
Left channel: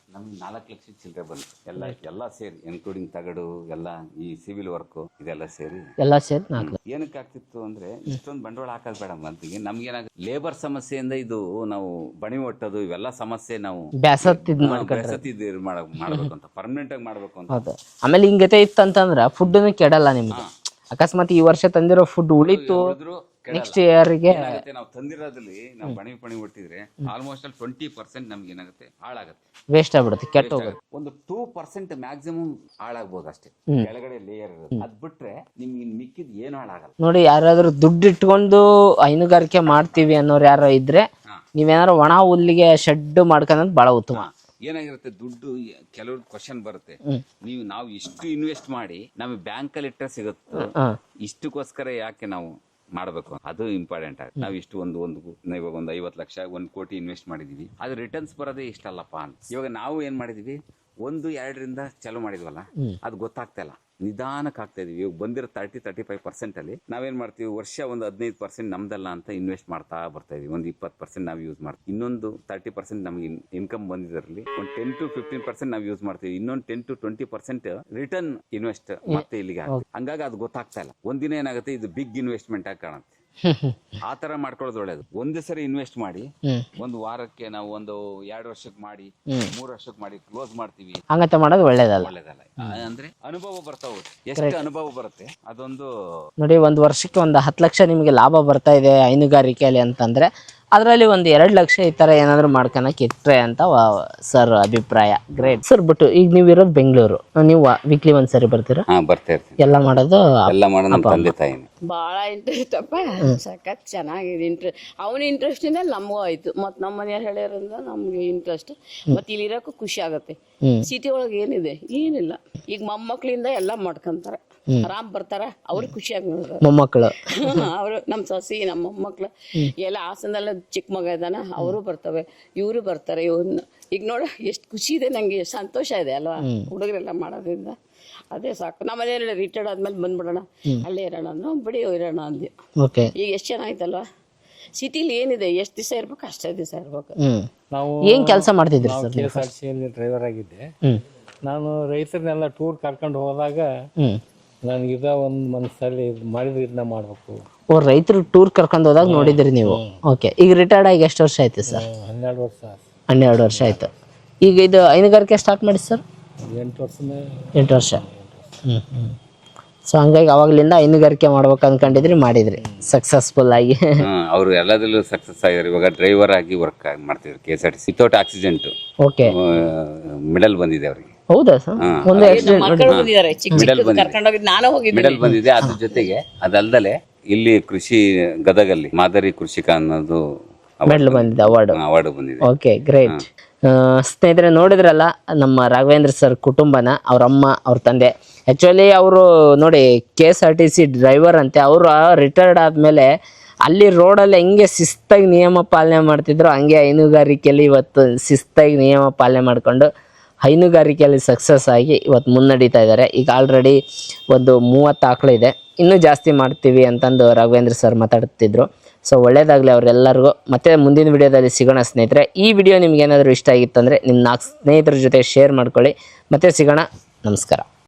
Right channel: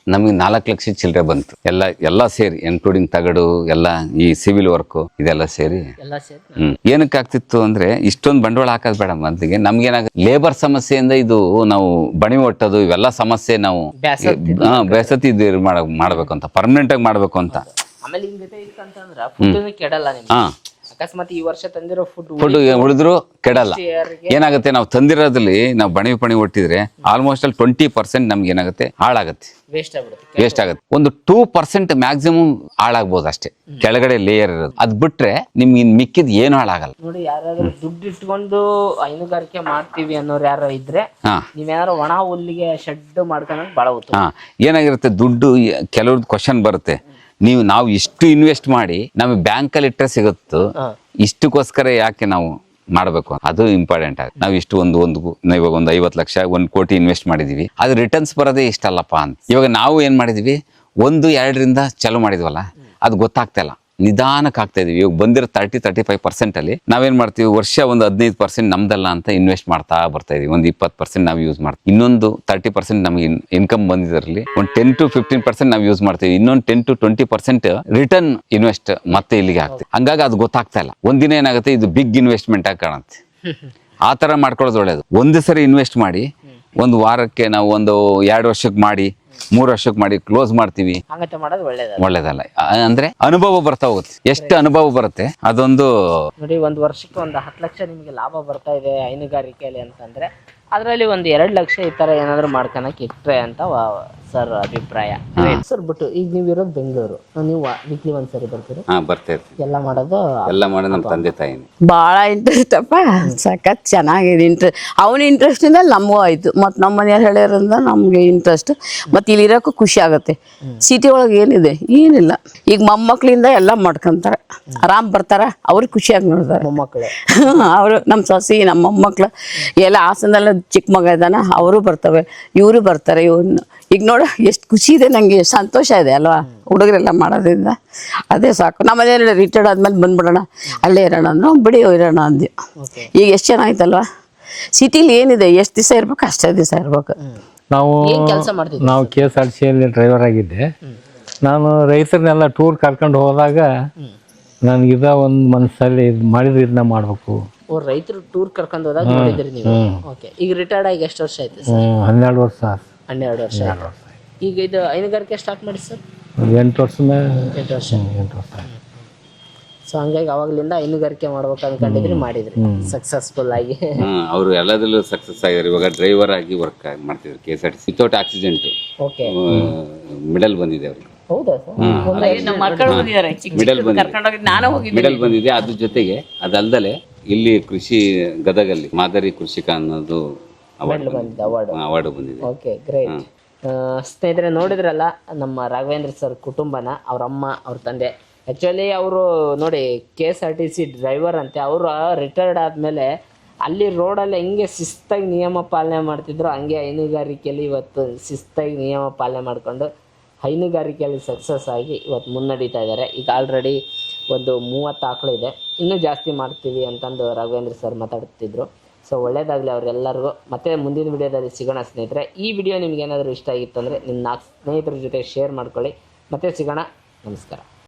ನಮಗೆ ನಾಲ್ಕು ಲಕ್ಷ ಚಿಲ್ಲರೆ ಬಂತು. ಎಲ್ಲ ಎಲ್ಲ ಸೇರಿ ಇನ್ಕ್ಲೂಡಿಂಗ್ ತಗಡು ಎಲ್ಲ ಈ ಸಿವಿಲ್ ವರ್ಕ್ ಇದೆಲ್ಲ ಸೇರಿ. ಎಲ್ಲ ಸೇರಿ ಹ್ಮ್. ಏನಕ್ಕೆ ಆಗ್ತಿತ್ತು ಅಂದ್ರೆ ಇಷ್ಟೊಂದು ಬಂಡವಾಳ ಹಾಕೋದು ಬೇಡ ಮೊದಲಿಗೆ ನಮ್ಗೇನಾಗ ಲೇಬರ್ ಸಮಸ್ಯೆಯಿಂದ ಇದು ನಾವು ಬಣಿ ಒಟ್ಟದು ಇವೆಲ್ಲ ಸಮಸ್ಯೆ ನಾವು ಬ್ಯಾಸತ್ತಿ ಹಾ, ಬೇಸತಿ ಇದು ಮಾಡ ಮಾಡ್ಬೇಕು ಅಂತ ಪರ್ಮನೆಂಟ್ ಆಗಿ ಮಾಡ್ಬೇಕು ಅಂತ ಆಮೇಲೆ ಹಿಂಗತೆ ಇತ್ತಂತಂದ್ರ ಫುಡ್ ಕೆಡಲ್ಲ ನಿಮ್ಗೆ. ಹಾ. ಅಕಸ್ಮಾತ್ ಈ ವರ್ಷ ತಂದಿರೋ ಫುಡ್ ಫುಡ್ ಉಳಿದ್ರು ಕೆಡಲ್ಲ. ಏನಾಗುತ್ತೆ ನಾವು ತಂದಿರೋದ್ರಲ್ಲಿ ನಾವು ಬಣಿ ಪಣಿ ಒಟ್ಟಿದ್ರೆ ಆಲ್ಮೋಸ್ಟ್ ಅಲ್ಲಿ ಟ್ವೆಂಟಿ ಪರ್ಸೆಂಟ್ ನಮ್ಗೆ ಏನಾಗುತ್ತೆ? ಹಾಳಾಗುತ್ತೆ. ವೇಸ್ಟ್ ಆಗ್ಬಿಡುತ್ತೆ ವೇಸ್ಟ್ ಆಗುತ್ತೆ. ಒಂದು ಟೂ ಪರ್ಸೆಂಟ್ ಮ್ಯಾಕ್ಸಿಮಮ್ ಹಾಳಾಗ್ಬೋದು ಅಷ್ಟೇ. ಕೆಳಗಡೆ ಲೇಯರ್ ಇರೋದು. ಅದ್ ಬಿಟ್ರೆ ನಿಮ್ಗೆ ಇನ್ ಮಿಕ್ಕಿದ್ ಏನು ಹಾಳಾಗಲ್ಲ. ನೋಡಿ ಯಾರಾದ್ರೂ ದುಡ್ಡು ಇಟ್ಕೊಂಡು ಹೈನುಗಾರಿಕೆ ಮಾಡ್ತೀವಿ ಅನ್ನೋರು ಯಾರೋ ಇದ್ರೆ ನೀವೇನಾದ್ರು ಒಣ ಹುಲ್ಲಿಗೆ ಶೆಡ್ ಮಾಡ್ಕೊಂಡ್ ಬಹಳ ಉತ್ತಮ. ಏನಾಗಿರುತ್ತೆ ದುಡ್ಡು ಕೆಲವ್ರದ್ದು ಕ್ವಶನ್ ಬರುತ್ತೆ. ನೀವು ನಾವು ಇಷ್ಟು ಇನ್ವೆಸ್ಟ್ ಮಾಡಿ ನಮಗೆ ಬ್ಯಾಂಕಲ್ಲಿ ಇಟ್ಟರೆ ಸಿಗುತ್ತೋ. ಇಷ್ಟಕ್ಕೋಸ್ಕರ ಯಾಕೆ ನಾವು ಮಾಡಬೇಕು ಅದು ಇಂಪಾರ್ಟೆಂಟ್ ಆಗಿ. ನಾವು ಇಷ್ಟು ಒಂದು ಒಂದು ಇವಾಗ ಒಂದು ಐವತ್ತು ಲಕ್ಷ ಒಂದು ಕೋಟಿ ಇನ್ವೆಸ್ಟ್ ಮಾಡಿದೀವಿ. ಅದು ರಿಟರ್ನ್ಸ್ ಬರೋದೇ ಇಷ್ಟಲ್ಲಪ್ಪ ಅಂತ. ಇವಾಗ ನಾವು ಏನು ಮಾಡಿದ್ವಿ? ಒಂದು ಎರಡರಿಂದ ಚಾಲು ಮಾಡಿದ್ವಲ್ಲ? ಅದು ಗೊತ್ತಾಗ್ತಾ ಇಲ್ಲ. ನಿಧಾನಕ್ಕೆ ಆಗ್ತಾ ಇದೀವಿ ಇವಾಗ ಬಂದಿರೋ ತರ್ಟಿ ತರ್ಟಿ ಫೈವ್ ಪರ್ಸೆಂಟ್ ಅಲ್ಲಿ ನಾವೇನ್ ಮಾಡ್ತೀವಿ? ವರ್ಷ ಒಂದು ಹದಿನೈದು ಪರ್ಸೆಂಟ್ ನಮ್ದಲ್ಲ ಅಂತ ಇನ್ವೆಸ್ಟ್ ಮಾಡ್ತಾ ಬರ್ತಾ ಇದೀವಿ ಒಂದು ಇಪ್ಪತ್ತು ಪರ್ಸೆಂಟ್ ನಾವು ಯೂಸ್ ಮಾಡ್ತೀವಿ. ಇನ್ನೊಂದು ತರ್ಟಿ ಪರ್ಸೆಂಟ್ ನಮಗೆ ಇನ್ಕಮ್ ಬಂದಿದ್ರಲ್ಲಿ. ಒಂದು ಟೆನ್ ಟು ಫಿಫ್ಟೀನ್ ಪರ್ಸೆಂಟ್ ನಾವು ಯೂಸ್ ಮಾಡ್ತೀವಿ. ಇನ್ನೊಂದು ten to twenty percent return invest ಮತ್ತೆ ಇಲ್ಲಿಗೆ ಆಗ್ತದೆ ಹಂಗಾಗಿ ಅದು ಗೊತ್ತಾಗ್ತಾ ಇಲ್ಲ. ಒಂದಿನ ಏನಾಗುತ್ತೆ? ಇದು ಬಿಗ್ ಇನ್ವೆಸ್ಟ್ಮೆಂಟ್ ಆಗಿ ಕಾಣುತ್ತೆ. ಆ ತರ ಮಾಡ್ಕೊಳ್ಳೋದು ಒಳ್ಳೇದು. ಒಂದು ಸರಿ ಇನ್ವೆಸ್ಟ್ ಮಾಡಿ ಒಂದು ವಾರಕ್ಕೆ ನಾವು ಒಂದು ಎರಡು ವರ್ಷಕ್ಕೆ ಮಾಡಿ ಮೂರು ವರ್ಷಕ್ಕೆ ಮಾಡಿ ಕ್ಲೋಸ್ ಮಾಡ್ತೀವಿ. ಹಂಗತೆ ಮಾಡೋದು ಒಳ್ಳೇದಲ್ಲ. ಒಳ್ಳೇದಲ್ಲ. ಆ, ಅಂದ್ರೆ ಅನುಭವ ಬರ್ತಾ ಹೋಗುತ್ತೆ. ಎಷ್ಟು ಅನುಭವ ಬರುತ್ತೆ ಅದೊಂದು ನೋಡಿ ಒಂದು ವರ್ಷಕ್ಕೆ ಒಂದು ಹತ್ತು ಲಕ್ಷ ನಿಮಗೆ ಲಾಭ ಬರ್ತಾ ಇದೆ ಹೈನುಗಾರಿಕೆಯಲ್ಲಿ ಅಂತಂದ್ರೆ ಅದರಲ್ಲಿ ಒಂದು ಎರಡು ಲಕ್ಷ ಈ ತರ ಏನಾದ್ರು ಮಾಡ್ಕೊಳಕ್ ಇಟ್ರೆ ಅಂತ ಸರ್ ಅಭಿಪ್ರಾಯ. ಸರ್ ಬಟ್ ಈಗ ನೀವು ಇರೋದು ಬೆಂಗಳೂರು. ನೀವು ವೀಕ್ಲಿ ಒಂದ್ಸರಿ ಬರ್ತೀರಾ? ಹಾ ಬರ್ತಾ ಇರ್ತೀವಿ. ಎಲ್ಲ ಮಾಡೋದು ಎಲ್ಲ ಮಾಡೋದು ನಮ್ಮ ತಂದೆ ತಾಯಿನೇ. ಭಾಳ ಇಂಟ್ರೆಸ್ಟ್ ಅಪ್ಪ ಸಖತ್ ಚೆನ್ನಾಗಿದೆ ಇಂಟ್ರೆಸ್ಟ್ ಅವನ ಇಂಟ್ರೆಸ್ಟಿಂದ ನಮಗೂ ಆಯ್ತು. ಮತ್ತು ನಮ್ಮ ಮನೆಯವ್ರು ಹೇಳ್ಯಾರಿಂದ ನಮಗೆ ಇಂಟ್ರೆಸ್ಟ್ ಮತ್ತು ಇಲ್ಲಿ ಇರೋಕು ಖುಷಿ ಆಗುತ್ತೆ. ಸಿಟಿ ಒಳಗೆ ಏನಿದೆ? ಏನಿಲ್ಲ. ಈಗ ಮೊಮ್ಮಕ್ಳಿಂದ ಎಲ್ಲ ಮಾಡ್ಕೊಂತಾರೆ. ಆರಾಮ್ ಬರ್ತಾರ. ಅವ್ರಿಗೆ ಖುಷಿಯಾಗಿ ನೋಡ್ತಾರೆ. ಮೊಮ್ಮಕ್ಕಳು ಅವರು ನಮ್ಮ ಸೊಸಿ ನಮ್ಮ ಮೊಮ್ಮಕ್ಳು. ಎಲ್ಲ ಹಾಸನದಲ್ಲ ಚಿಕ್ಕ ಮಗ ಇದ್ದಾನ ಅವರು ಬರ್ತವೆ. ಇವರು ಬರ್ತಾರೆ. ಇವನು ಈಗ ನೋಡ ಎಷ್ಟು ಖುಷಿ ಇದೆ ನಂಗೆ. ಎಷ್ಟ್ ಸಂತೋಷ ಇದೆ ಅಲ್ವಾ? ಹುಡುಗರೆಲ್ಲ ಮಾಡೋದ್ರಿಂದ. ಅದೇ ಸಾಕು. ನಮ್ಮ ಮನೆಯಲ್ಲಿ ರಿಟೈರ್ಡ್ ಆದ್ಮೇಲೆ ಬಂದ್ಬಿಡೋಣ. ಅಲ್ಲೇ ಇರೋಣ. ಅಂದ್ರು ಬಿಡಿ ಇರೋಣ ಅಂದ್ವಿ ಓಕೆ. ಈಗ ಎಷ್ಟು ಚೆನ್ನಾಗಿತ್ತಲ್ವಾ ಸಿಟಿಲಿ ಏನಿದೆ? ಎಷ್ಟು ದಿವಸ ಇರ್ಬೇಕು? ಅಷ್ಟೇ ದಿವಸ ಇರ್ಬೇಕು. ನಾವು ಏನ್ ಕೆಲಸ ಮಾಡ್ತಿದ್ವಿ ನಾವು ಕೆ ಎಸ್ ಆರ್ ಸಿಯಲ್ಲಿ ಡ್ರೈವರ್ ಆಗಿದ್ದೆ ನಾನು ರೈತರನ್ನೆಲ್ಲ ಟೂರ್ ಕರ್ಕೊಂಡು ಹೋದಾಗ ನನಗಿದ ಒಂದು ಮನಸ್ಸಲ್ಲಿ ಇದು ಮಾಡಿದ್ರೆ ಇದನ್ನ ಮಾಡಬೇಕು. ಓ ರೈತರು ಟೂರ್ ಕರ್ಕೊಂಡು ಹೋದಾಗ ನೋಡಿದ್ರಿ ನೀವು? ಓಕೆ. ಈಗ ರಿಟೈರ್ಡ್ ಆಗಿ ಎಷ್ಟು ವರ್ಷ ಆಯ್ತು ಸರ್? ಹನ್ನೆರಡು ವರ್ಷ. ಹನ್ನೆರಡು ವರ್ಷ ಆಯ್ತು. ಈಗ ಇದು ಹೈನುಗಾರಿಕೆ ಸ್ಟಾರ್ಟ್ ಮಾಡಿ ಸರ್? ಎಂಟು ವರ್ಷ ಎಂಟು ವರ್ಷ. ಎಂಟು ವರ್ಷ ಸೊ ಹಂಗಾಗಿ ಅವಾಗ್ಲಿಂದ ಹೈನುಗಾರಿಕೆ ಮಾಡ್ಬೇಕು ಅನ್ಕೊಂಡಿದ್ರಿ ಮಾಡಿದ್ರಿ. ಸಕ್ಸಸ್ಫುಲ್ ಆಗಿ. ಅವರು ಎಲ್ಲದರಲ್ಲೂ ಸಕ್ಸಸ್ ಆಗಿದ್ದಾರೆ ಇವಾಗ ಡ್ರೈವರ್ ಆಗಿ ವರ್ಕ್ ಮಾಡ್ತಿದ್ರು K S R T C without accident okay medal ಬಂದಿದೆ ಅವ್ರಿಗೆ. ಹೌದಾ ಸರ್? ಒಂದು ಮಿಡಲ್ ಬಂದಿದೆ. ನಾನು ಹೋಗಿ ಮಿಡಲ್ ಬಂದಿದೆ. ಅದ್ರ ಜೊತೆಗೆ ಅದಲ್ದಲೆ ಇಲ್ಲಿ ಕೃಷಿ ಗದಗಲ್ಲಿ ಮಾದರಿ ಕೃಷಿಕ ಅನ್ನೋದು ಮೆಡಲ್ ಬಂದಿದೆ ಅವಾರ್ಡ್ ಅವಾರ್ಡ್ ಬಂದಿದೆ. ಓಕೆ ಗ್ರೇಟ್ ಸ್ನೇಹಿತರೆ ನೋಡಿದ್ರಲ್ಲ, ನಮ್ಮ ರಾಘವೇಂದ್ರ ಸರ್ ಕುಟುಂಬನ ಅವ್ರ ಅಮ್ಮ ಅವ್ರ ತಂದೆ. ಆ್ಯಕ್ಚುಲಿ ಅವರು ನೋಡಿ K S R T C driver ಅಂತೆ. ಅವರು ರಿಟೈರ್ಡ್ ಆದಮೇಲೆ ಅಲ್ಲಿ ರೋಡಲ್ಲಿ ಹೆಂಗೆ ಶಿಸ್ತಾಗಿ ನಿಯಮ ಪಾಲನೆ ಮಾಡ್ತಿದ್ರು, ಹಂಗೆ ಹೈನುಗಾರಿಕೆಯಲ್ಲಿ ಇವತ್ತು ಶಿಸ್ತಾಗಿ ನಿಯಮ ಪಾಲನೆ ಮಾಡಿಕೊಂಡು ಹೈನುಗಾರಿಕೆಯಲ್ಲಿ ಸಕ್ಸಸ್ ಆಗಿ ಇವತ್ತು ಮುನ್ನಡೀತಾ ಇದ್ದಾರೆ. ಈಗ ಆಲ್ರೆಡಿ ಒಂದು ಮೂವತ್ತು ಆಕಳು ಇದೆ. ಇನ್ನೂ ಜಾಸ್ತಿ ಮಾಡ್ತೀವಿ ಅಂತಂದು ರಾಘವೇಂದ್ರ ಸರ್ ಮಾತಾಡ್ತಿದ್ರು. ಸೊ ಒಳ್ಳೇದಾಗಲಿ ಅವರೆಲ್ಲರಿಗೂ ಮತ್ತೆ ಮುಂದಿನ ವಿಡಿಯೋದಲ್ಲಿ ಸಿಗೋಣ ಸ್ನೇಹಿತರೆ. ಈ ವಿಡಿಯೋ ನಿಮ್ಗೆ ಏನಾದರೂ ಇಷ್ಟ ಆಗಿತ್ತಂದರೆ ನಿಮ್ಮ ನಾಲ್ಕು ಸ್ನೇಹಿತರ ಜೊತೆ ಶೇರ್ ಮಾಡ್ಕೊಳ್ಳಿ. ಮತ್ತೆ ಸಿಗೋಣ. ನಮಸ್ಕಾರ.